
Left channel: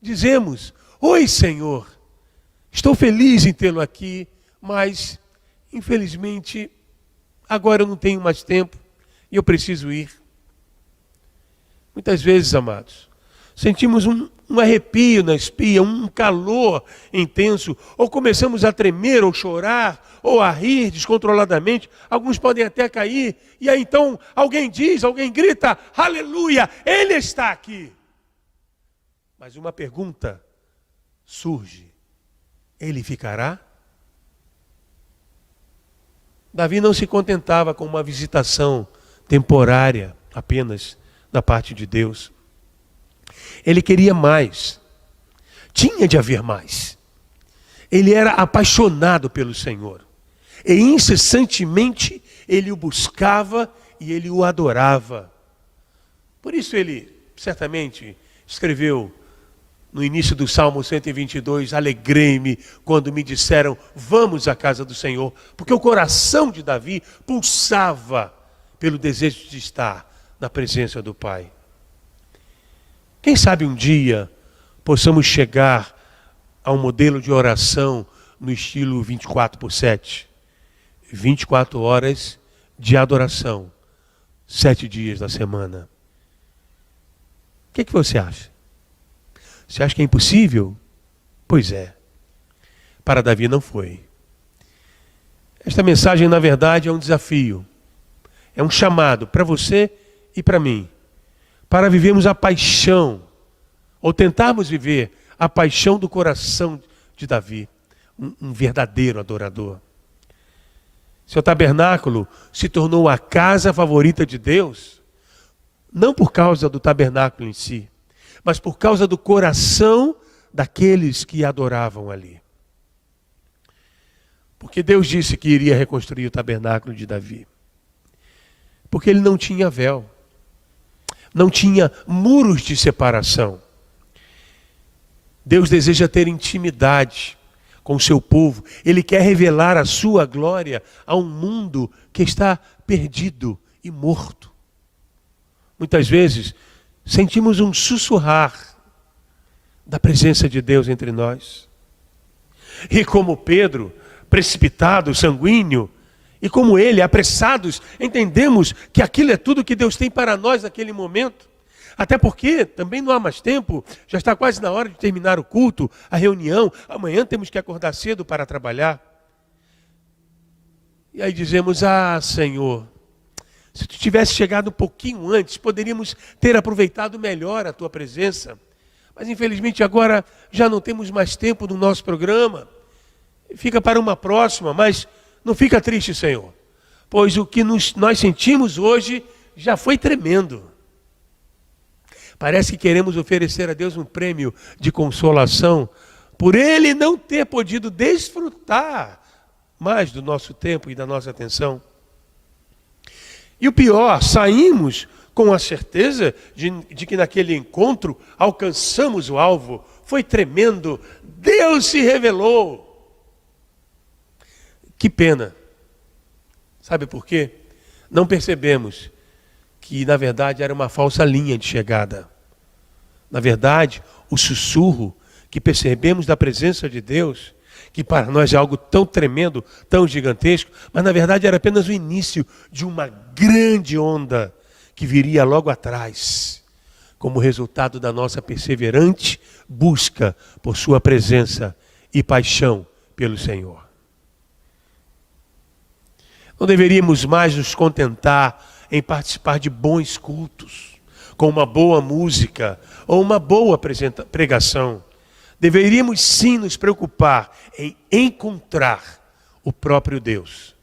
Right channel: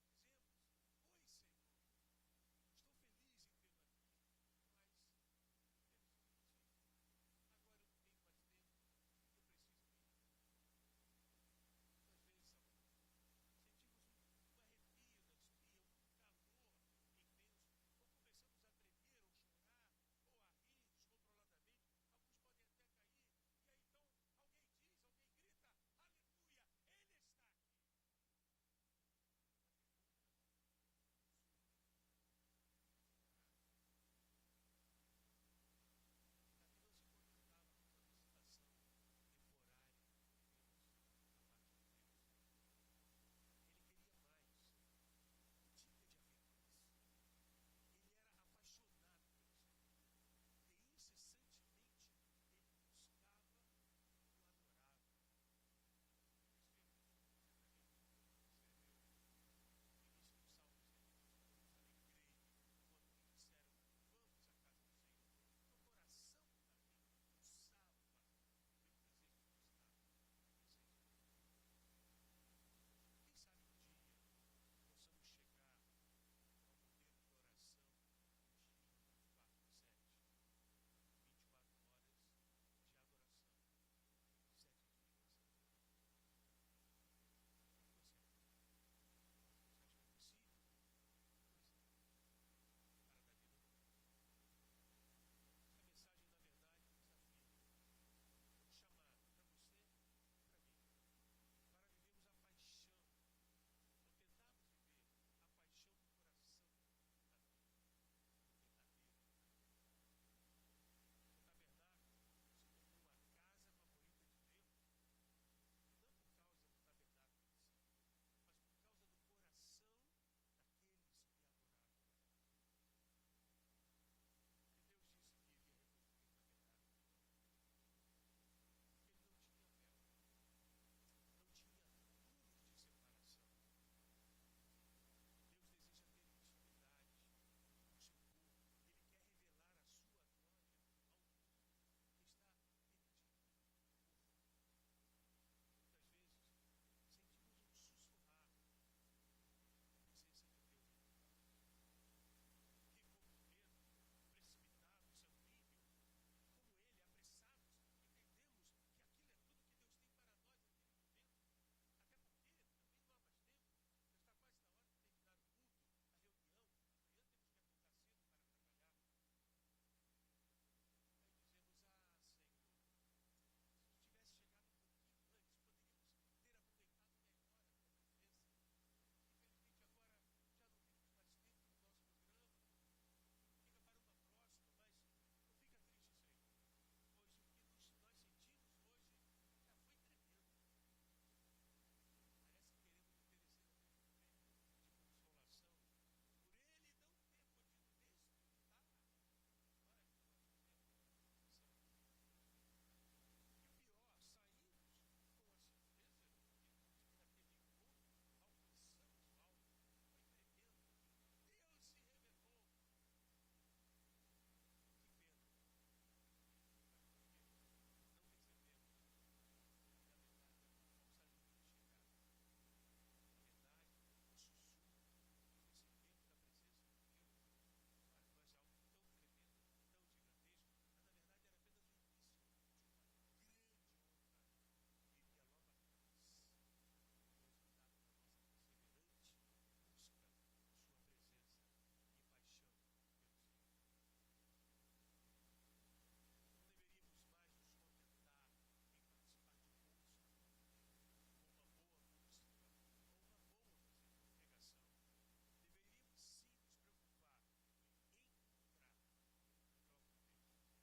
dizemos: oi, Senhor, estou feliz em tê-lo aqui, mas infelizmente agora eu não tenho mais tempo e eu preciso ir. Muitas vezes, amados, sentimos um arrepio na espinha, um calor intenso, ou começamos a tremer, ou chorar, ou a rir descontroladamente. Alguns podem até cair, e aí então alguém grita: aleluia, Ele está aqui. Mas uma pergunta surge: Ele ficará? Davi não se contentava com uma visitação temporária apenas da parte de Deus. Ele queria mais. Tinha de haver mais. Ele era apaixonado pelo Senhor. E incessantemente ele o buscava e ele o adorava. Por isso ele certamente escreveu no início do Salmo 122, alegrei-me quando me disseram, vamos à casa do Senhor. Porque o coração de Davi pulsava pelo desejo de estar na presença do Pai. Quem sabe um dia possamos chegar a um modelo de oração no estilo 24/7. 24 horas de adoração, 7 dias da semana. O que você acha? Você acha que é impossível? Pois é. Para Davi não foi. Esta mensagem, na verdade, é um desafio. É um chamado para você e para mim. Para vivermos a paixão, ou tentarmos viver a paixão do coração de Davi. Um verdadeiro adorador. Seu tabernáculo se tornou a casa favorita de Deus, não por causa do tabernáculo em si, mas por causa do coração daqueles que adoravam ali. Porque Deus disse que iria reconstruir o tabernáculo de Davi. Porque ele não tinha véu. Não tinha muros de separação. Deus deseja ter intimidade com o seu povo. Ele quer revelar a sua glória a um mundo que está perdido e morto. Muitas vezes sentimos um sussurrar da presença de Deus entre nós. E como Pedro, precipitado, sanguíneo, e como ele, apressados, entendemos que aquilo é tudo que Deus tem para nós naquele momento. Até porque também não há mais tempo, já está quase na hora de terminar o culto, a reunião. Amanhã temos que acordar cedo para trabalhar. E aí dizemos, Senhor, se tu tivesse chegado um pouquinho antes, poderíamos ter aproveitado melhor a tua presença. Mas infelizmente agora já não temos mais tempo no nosso programa. Fica para uma próxima, mas não fica triste, Senhor. Pois o que nós sentimos hoje já foi tremendo. Parece que queremos oferecer a Deus um prêmio de consolação por Ele não ter podido desfrutar mais do nosso tempo e da nossa atenção. E o pior, saímos com a certeza de que naquele encontro alcançamos o alvo. Foi tremendo, Deus se revelou. Que pena. Sabe por quê? Não percebemos que na verdade era uma falsa linha de chegada. Na verdade, o sussurro que percebemos da presença de Deus, que para nós é algo tão tremendo, tão gigantesco, mas na verdade era apenas o início de uma grande onda que viria logo atrás, como resultado da nossa perseverante busca por sua presença e paixão pelo Senhor. Não deveríamos mais nos contentar em participar de bons cultos, com uma boa música ou uma boa pregação. Deveríamos sim nos preocupar em encontrar o próprio Deus.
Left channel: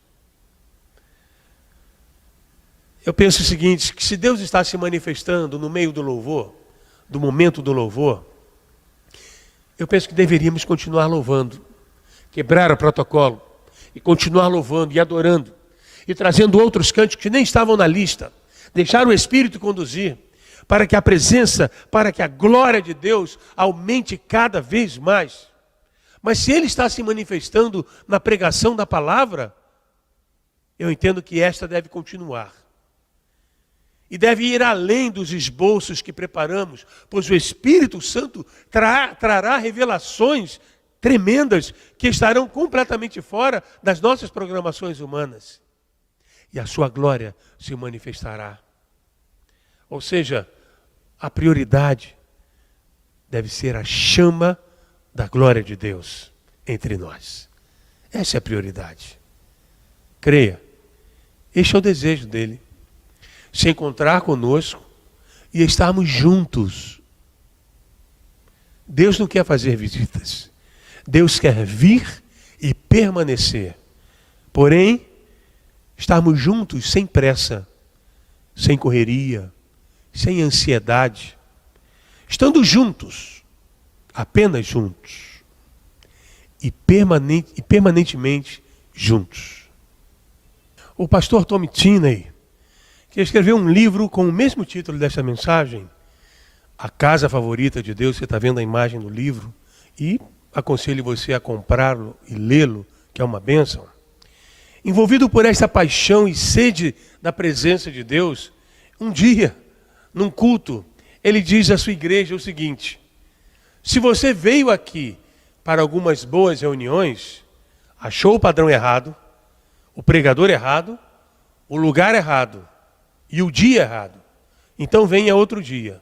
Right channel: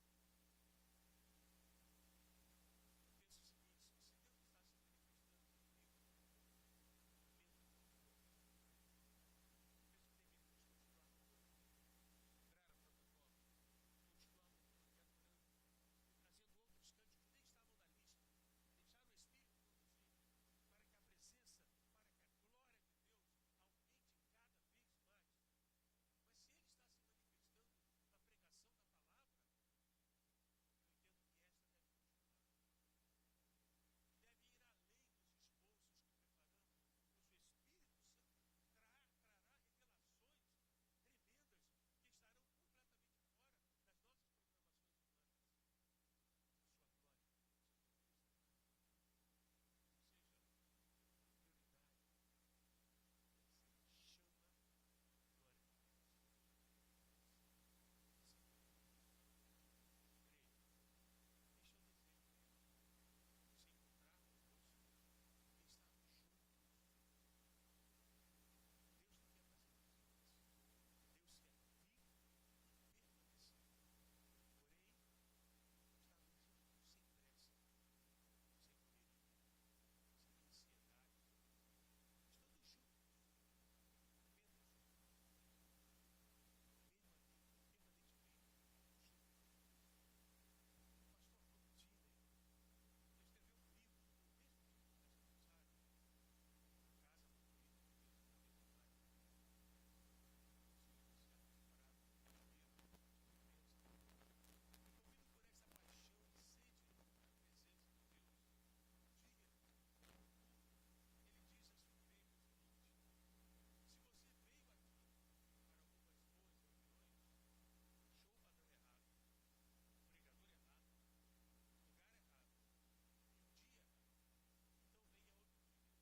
Eu penso o seguinte, que se Deus está se manifestando no meio do louvor, do momento do louvor, eu penso que deveríamos continuar louvando, quebrar o protocolo e continuar louvando e adorando, e trazendo outros cânticos que nem estavam na lista. Deixar o Espírito conduzir, para que a presença, para que a glória de Deus aumente cada vez mais. Mas se Ele está se manifestando na pregação da palavra, eu entendo que esta deve continuar. E deve ir além dos esboços que preparamos, pois o Espírito Santo trará revelações tremendas que estarão completamente fora das nossas programações humanas. E a sua glória se manifestará. Ou seja, a prioridade deve ser a chama da glória de Deus entre nós. Essa é a prioridade. Creia, este é o desejo dele. Se encontrar conosco e estarmos juntos. Deus não quer fazer visitas. Deus quer vir e permanecer. Porém, estarmos juntos sem pressa, sem correria, sem ansiedade. Estando juntos, apenas juntos. E permanentemente juntos. O pastor Tom Tinney, que escreveu um livro com o mesmo título dessa mensagem, A Casa Favorita de Deus, você está vendo a imagem do livro, e aconselho você a comprá-lo e lê-lo, que é uma bênção. Envolvido por esta paixão e sede da presença de Deus, um dia, num culto, ele diz à sua igreja o seguinte: se você veio aqui para algumas boas reuniões, achou o padrão errado, o pregador errado, o lugar errado e o dia errado, então venha outro dia.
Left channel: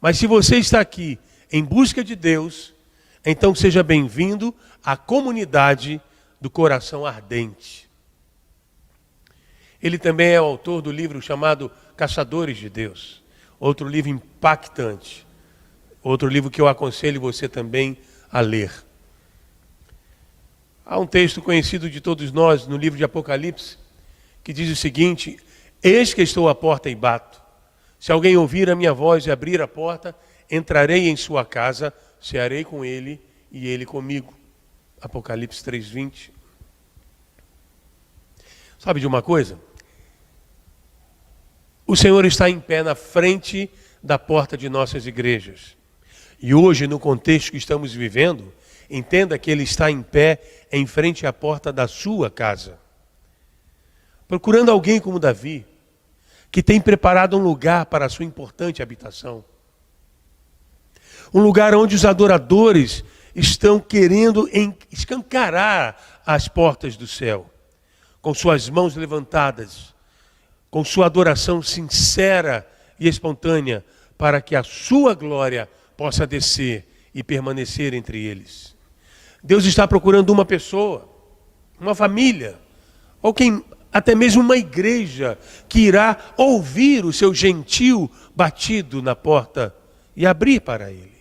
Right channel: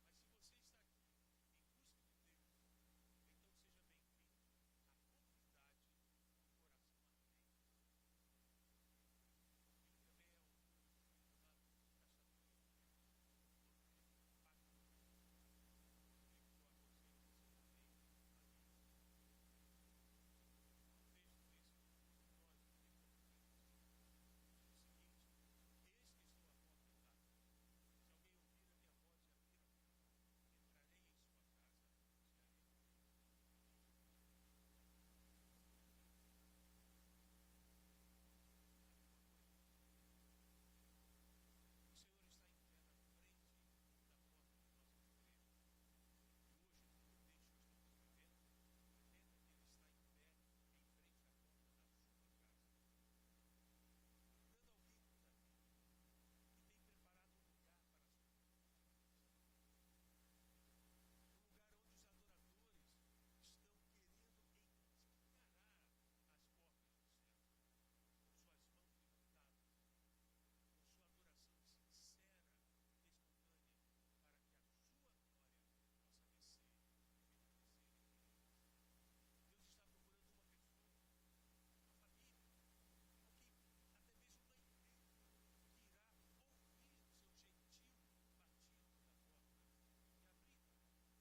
Mas se você está aqui em busca de Deus, então seja bem-vindo à comunidade do coração ardente. Ele também é o autor do livro chamado Caçadores de Deus. Outro livro impactante. Outro livro que eu aconselho você também a ler. Há um texto conhecido de todos nós no livro de Apocalipse, que diz o seguinte: eis que estou à porta e bato. Se alguém ouvir a minha voz e abrir a porta, entrarei em sua casa, cearei com ele e ele comigo. Apocalipse 3:20. Sabe de uma coisa? O Senhor está em pé na frente da porta de nossas igrejas. E hoje, no contexto que estamos vivendo, entenda que Ele está em pé em frente à porta da sua casa. Procurando alguém como Davi, que tem preparado um lugar para a sua importante habitação. Um lugar onde os adoradores estão querendo escancarar as portas do céu, com suas mãos levantadas, com sua adoração sincera e espontânea, para que a sua glória possa descer e permanecer entre eles. Deus está procurando uma pessoa, uma família, ou até mesmo uma igreja que irá ouvir o seu gentil batido na porta e abrir para ele.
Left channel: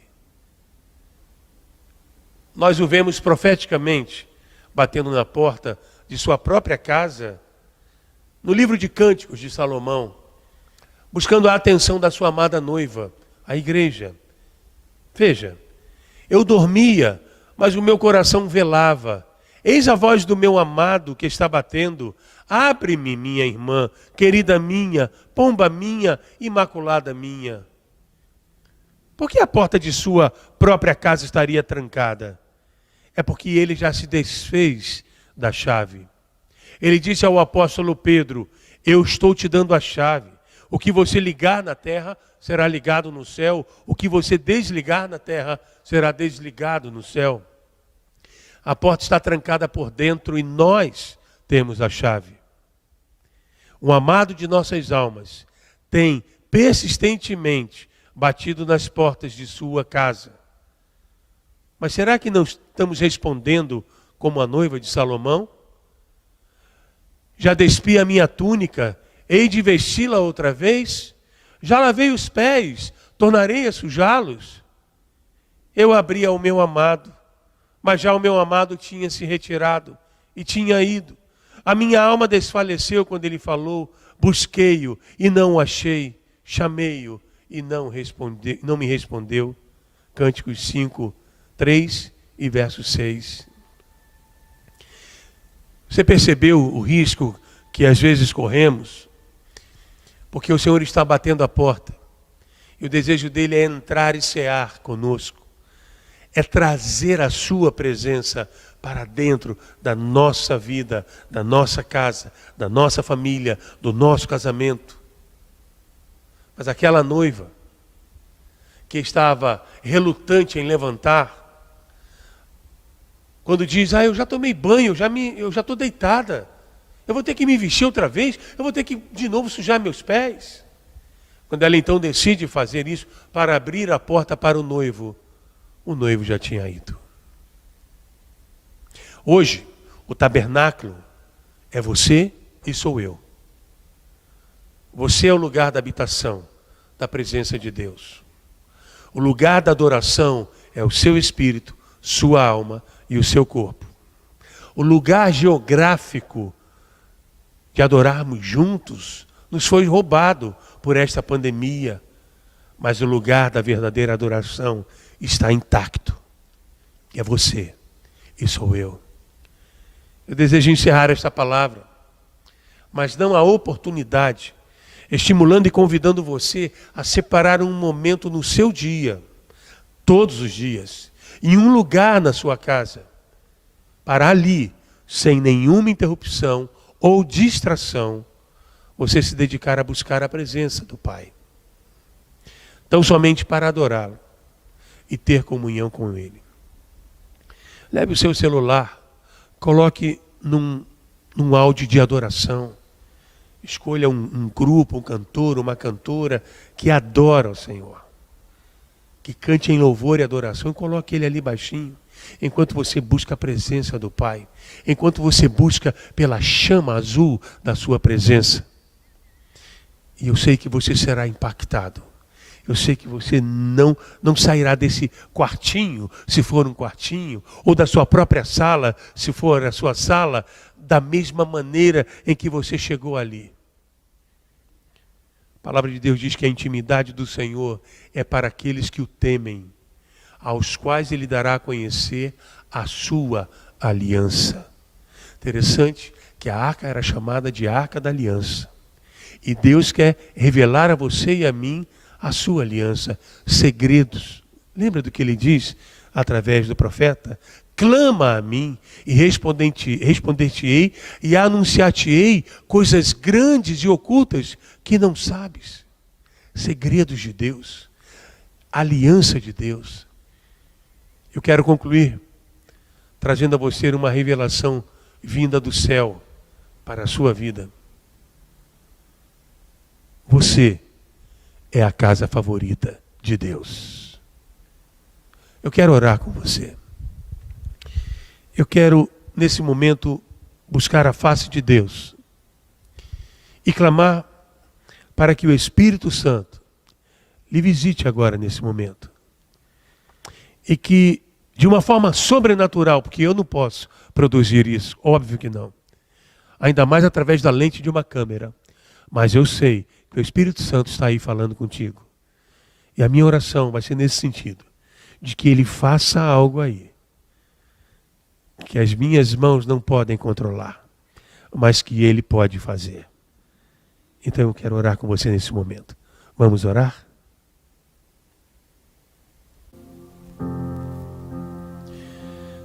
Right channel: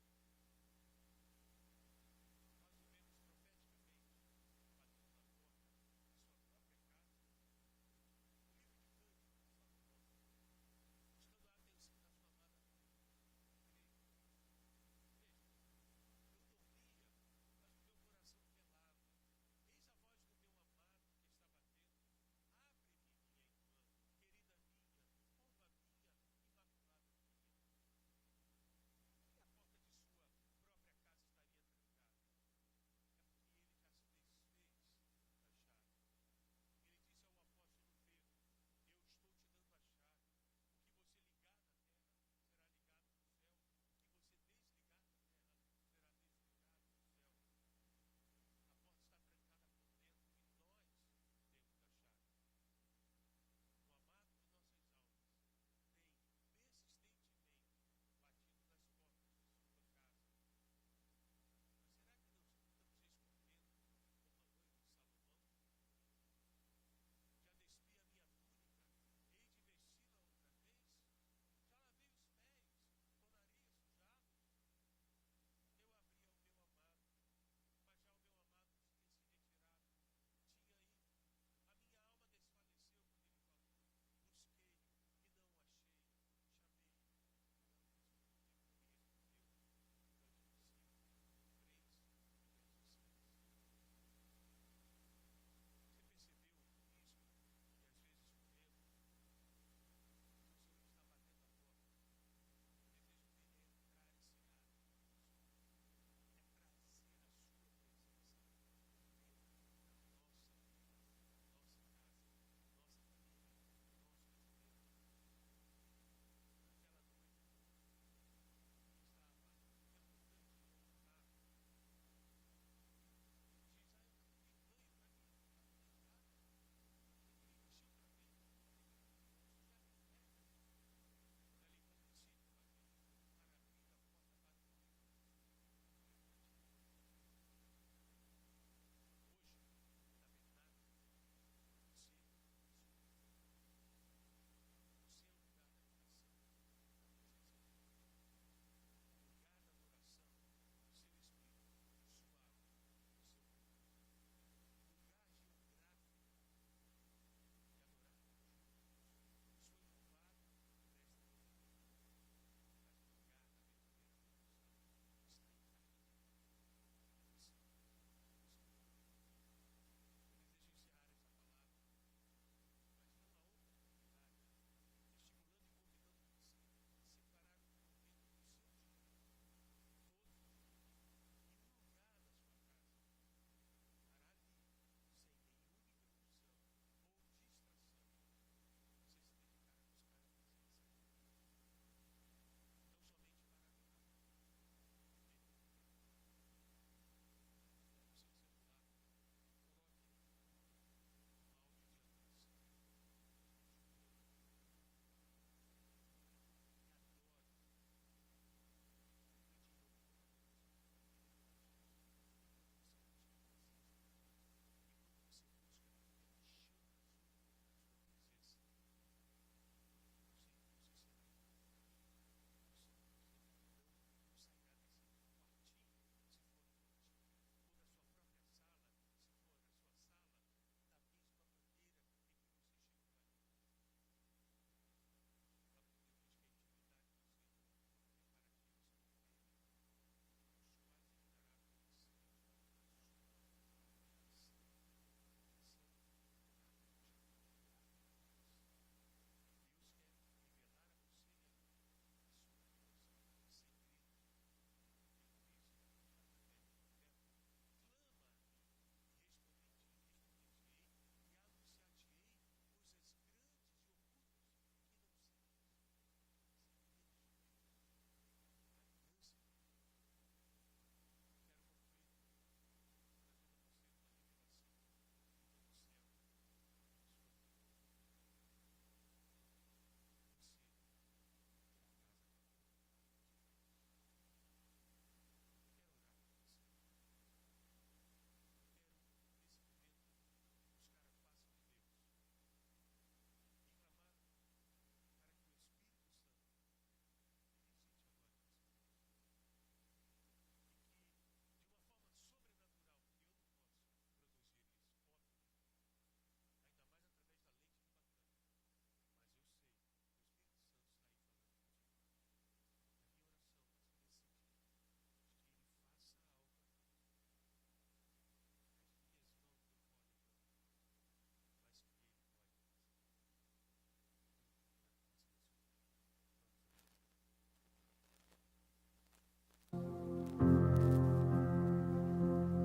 Nós o vemos profeticamente batendo na porta de sua própria casa, no livro de Cânticos de Salomão, buscando a atenção da sua amada noiva, a igreja. Veja, eu dormia, mas o meu coração velava. Eis a voz do meu amado que está batendo. Abre-me, minha irmã, querida minha, pomba minha, imaculada minha. Por que a porta de sua própria casa estaria trancada? É porque ele já se desfez da chave. Ele disse ao apóstolo Pedro: eu estou te dando a chave. O que você ligar na terra será ligado no céu. O que você desligar na terra será desligado no céu. A porta está trancada por dentro e nós temos a chave. O amado de nossas almas tem persistentemente batido nas portas de sua casa. Mas será que não estamos respondendo como a noiva de Salomão? Já despi a minha túnica, hei de vesti-la outra vez? Já lavei os pés, tornarei a sujá-los? Eu abri ao meu amado, mas já o meu amado tinha se retirado e tinha ido. A minha alma desfaleceu quando ele falou. Busquei-o e não o achei. Chamei-o e não me respondeu. Cânticos 5, 3 e verso 6. Você percebeu o risco que às vezes corremos? Porque o Senhor está batendo a porta. E o desejo dele é entrar e cear conosco. É trazer a sua presença para dentro da nossa vida, da nossa casa, da nossa família, do nosso casamento. Mas aquela noiva que estava relutante em levantar, quando diz: eu já tomei banho, eu já estou deitada, eu vou ter que me vestir outra vez, eu vou ter que de novo sujar meus pés. Quando ela então decide fazer isso para abrir a porta para o noivo já tinha ido. Hoje, o tabernáculo é você e sou eu. Você é o lugar da habitação, da presença de Deus. O lugar da adoração é o seu espírito, sua alma e o seu corpo. O lugar geográfico de adorarmos juntos nos foi roubado por esta pandemia, mas o lugar da verdadeira adoração está intacto. É você e sou eu. Eu desejo encerrar esta palavra, mas não a oportunidade, estimulando e convidando você a separar um momento no seu dia, todos os dias, em um lugar na sua casa, para ali, sem nenhuma interrupção ou distração, você se dedicar a buscar a presença do Pai. Tão somente para adorá-lo e ter comunhão com Ele. Leve o seu celular, coloque num áudio de adoração. Escolha um grupo, um cantor, uma cantora que adora o Senhor. Que cante em louvor e adoração e coloque ele ali baixinho. Enquanto você busca a presença do Pai. Enquanto você busca pela chama azul da sua presença. E eu sei que você será impactado. Eu sei que você não sairá desse quartinho, se for um quartinho, ou da sua própria sala, se for a sua sala, da mesma maneira em que você chegou ali. A palavra de Deus diz que a intimidade do Senhor é para aqueles que o temem, aos quais Ele dará a conhecer a sua aliança. Interessante que a arca era chamada de Arca da Aliança. E Deus quer revelar a você e a mim a sua aliança, segredos. Lembra do que Ele diz através do profeta? Clama a mim e responder-te-ei e anunciar-te-ei coisas grandes e ocultas que não sabes. Segredos de Deus, aliança de Deus. Eu quero concluir trazendo a você uma revelação vinda do céu para a sua vida. Você é a casa favorita de Deus. Eu quero orar com você. Eu quero, nesse momento, buscar a face de Deus e clamar para que o Espírito Santo lhe visite agora nesse momento. E que, de uma forma sobrenatural, porque eu não posso produzir isso, óbvio que não. Ainda mais através da lente de uma câmera. Mas eu sei que o Espírito Santo está aí falando contigo. E a minha oração vai ser nesse sentido, de que Ele faça algo aí, que as minhas mãos não podem controlar, mas que Ele pode fazer. Então eu quero orar com você nesse momento. Vamos orar?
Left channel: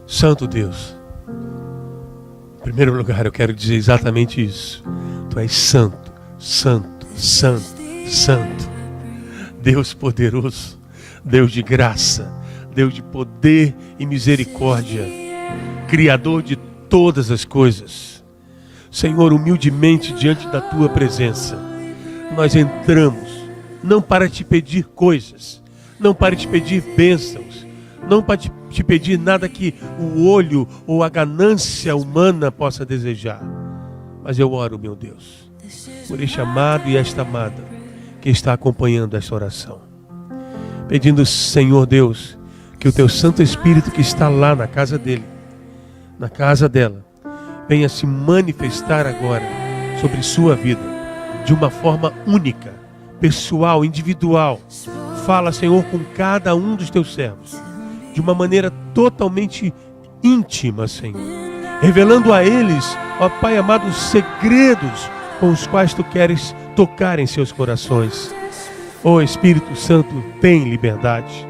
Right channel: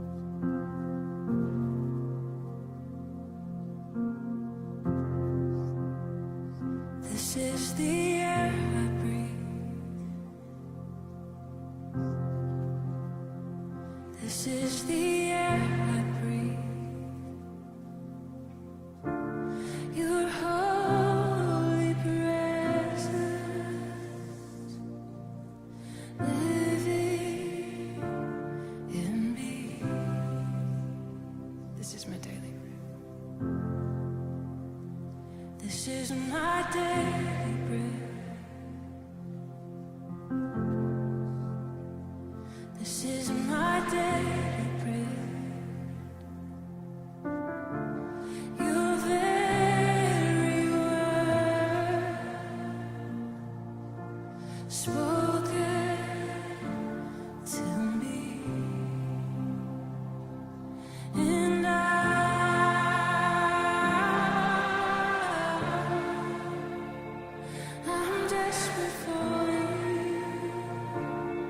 Santo Deus, em primeiro lugar eu quero dizer exatamente isso. Tu és santo, santo, santo, santo. Deus poderoso, Deus de graça, Deus de poder e misericórdia, Criador de todas as coisas. Senhor, humildemente diante da Tua presença, nós entramos, não para te pedir coisas, não para te pedir bênçãos, não para te pedir nada que o olho ou a ganância humana possa desejar. Mas eu oro, meu Deus, por este amado e esta amada que está acompanhando esta oração, pedindo, Senhor Deus, que o Teu Santo Espírito que está lá na casa dele, na casa dela, venha se manifestar agora sobre sua vida, de uma forma única, pessoal, individual. Fala, Senhor, com cada um dos Teus servos, de uma maneira totalmente íntima, Senhor, revelando a eles, ó Pai amado, os segredos com os quais Tu queres tocar em seus corações. Ó Espírito Santo, tem liberdade.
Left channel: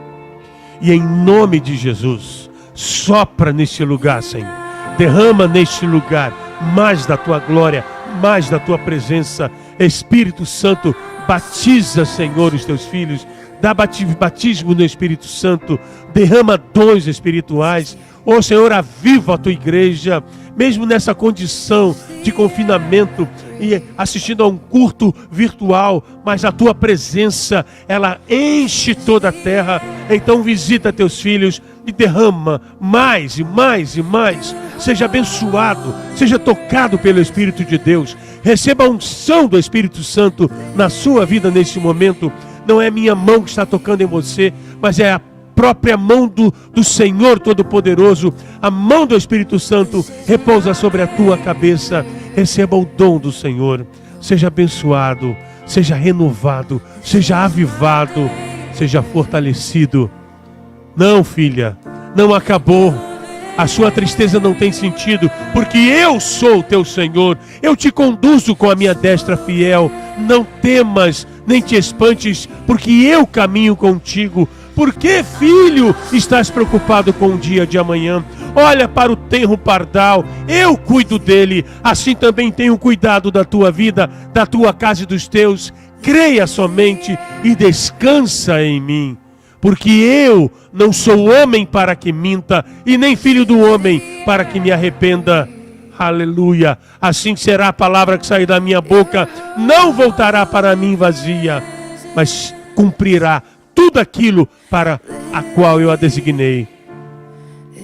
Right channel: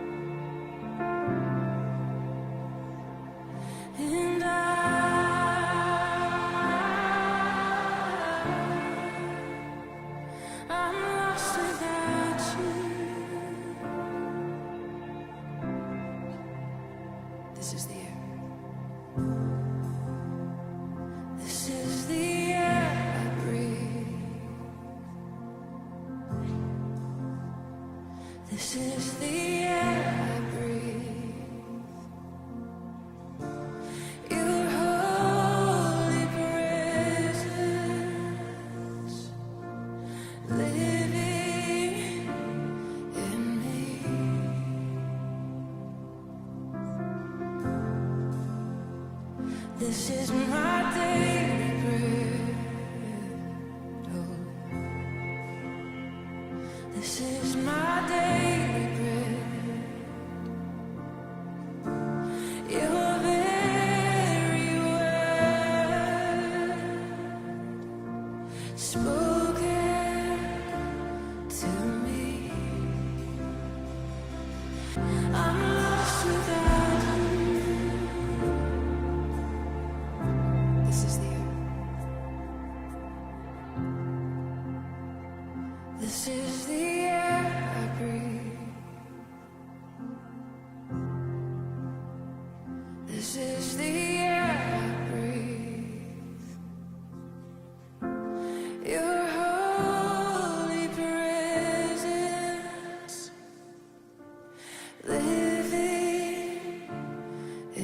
E em nome de Jesus, sopra neste lugar, Senhor. Derrama neste lugar mais da Tua glória, mais da Tua presença. Espírito Santo, batiza, Senhor, os Teus filhos. Dá batismo no Espírito Santo. Derrama dons espirituais. Ó Senhor, aviva a Tua igreja, mesmo nessa condição de confinamento e assistindo a um culto virtual, mas a Tua presença, ela enche toda a terra. Então visita Teus filhos e derrama mais e mais e mais. Seja abençoado, seja tocado pelo Espírito de Deus. Receba a unção do Espírito Santo na sua vida neste momento. Não é minha mão que está tocando em você, mas é a própria mão do Senhor Todo-Poderoso. A mão do Espírito Santo repousa sobre a tua cabeça. Receba o dom do Senhor. Seja abençoado, seja renovado, seja avivado, seja fortalecido. Não, filha, não acabou. A sua tristeza não tem sentido, porque eu sou o teu Senhor. Eu te conduzo com a minha destra fiel. Não temas, nem te espantes, porque eu caminho contigo. Por que, filho, estás preocupado com o dia de amanhã? Olha para o tenro pardal, eu cuido dele. Assim também tenho cuidado da tua vida, da tua casa e dos teus. Creia somente e descansa em mim. Porque eu não sou homem para que minta, e nem filho do homem para que me arrependa. Aleluia. Assim será a palavra que sair da minha boca. Não voltará para mim vazia, mas cumprirá tudo aquilo para a qual eu a designei.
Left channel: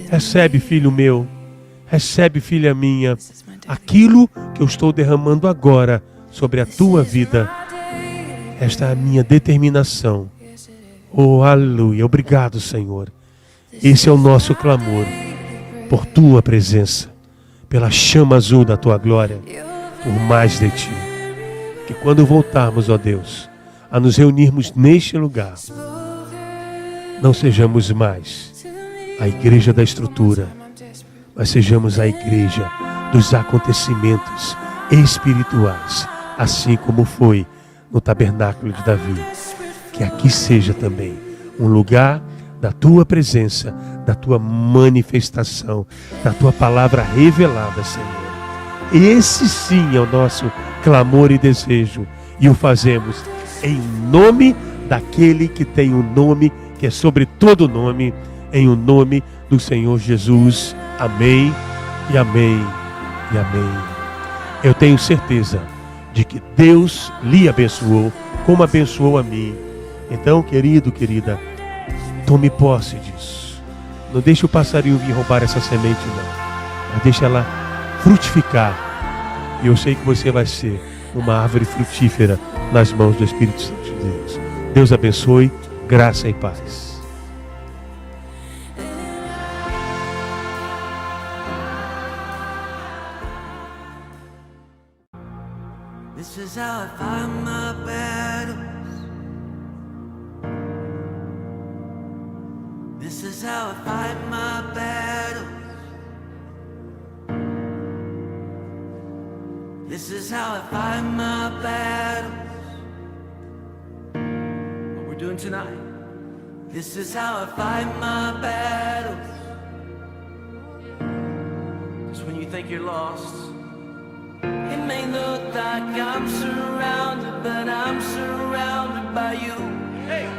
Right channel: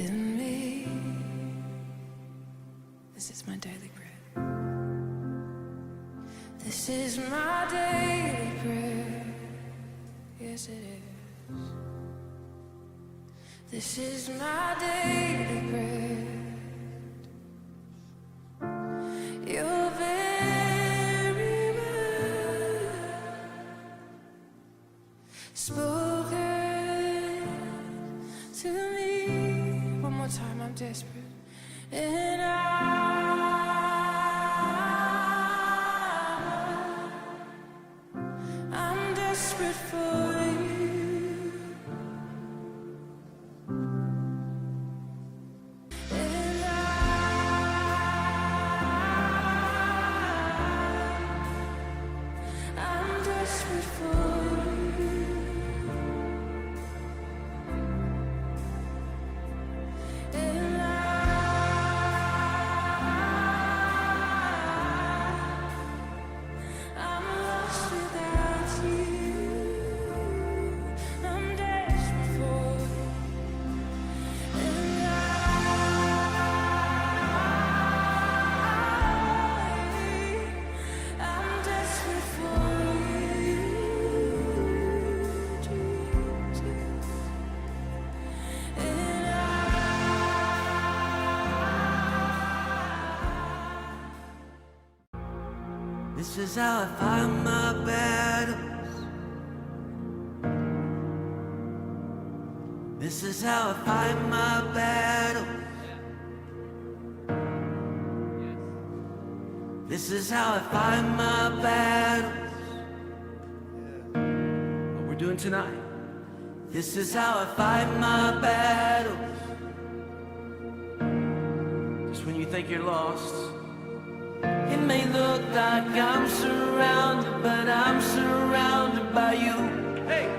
Recebe, filho meu, recebe, filha minha, aquilo que eu estou derramando agora sobre a tua vida. Esta é a minha determinação. Oh, aleluia. Obrigado, Senhor. Esse é o nosso clamor por tua presença, pela chama azul da tua glória, por mais de ti. Que quando voltarmos, ó Deus, a nos reunirmos neste lugar, não sejamos mais a igreja da estrutura, mas sejamos a igreja dos acontecimentos espirituais, assim como foi no tabernáculo de Davi. Que aqui seja também um lugar da tua presença, da tua manifestação, da tua palavra revelada, Senhor. Esse sim é o nosso clamor e desejo, e o fazemos em nome daquele que tem um nome que é sobre todo nome, em o nome do Senhor Jesus. Amém e amém e amém. Eu tenho certeza de que Deus lhe abençoou como abençoou a mim. Então, querido, querida, tome posse disso. Não deixe o passarinho vir roubar essa semente, não. Mas deixe ela frutificar. E eu sei que você vai ser uma árvore frutífera nas mãos do Espírito Santo de Deus. Deus abençoe, graça e paz. This is how I fight my battles. This is how I fight my battles. This is how I fight my battles. What we're doing tonight. This is how I fight my battles. Just when you think you're lost, it may look like I'm surrounded, but I'm surrounded by you. Hey!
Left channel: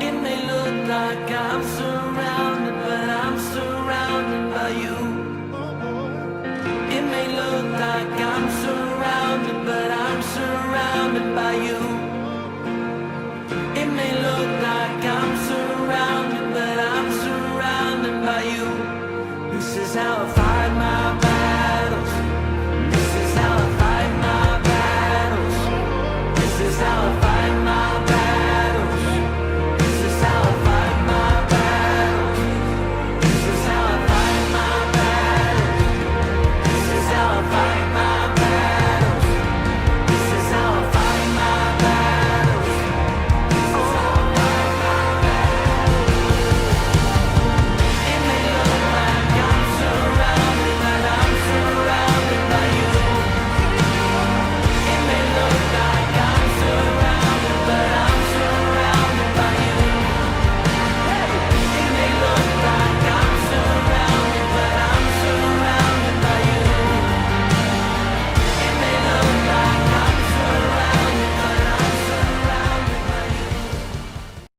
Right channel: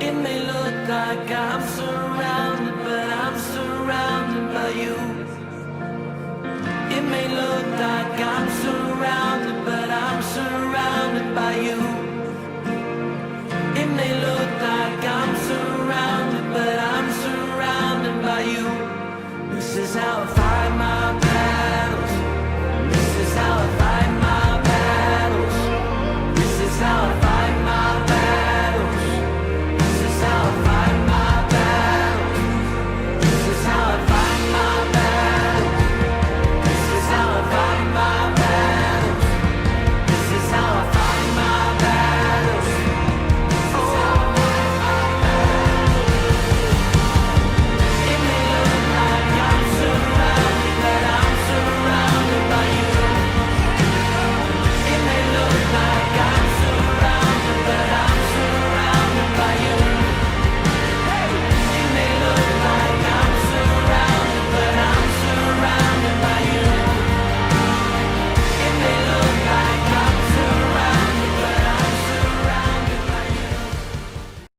It may look like I'm surrounded, but I'm surrounded by you. It may look like I'm surrounded, but I'm surrounded by you. It may look like I'm surrounded, but I'm surrounded by you. This is how I fight my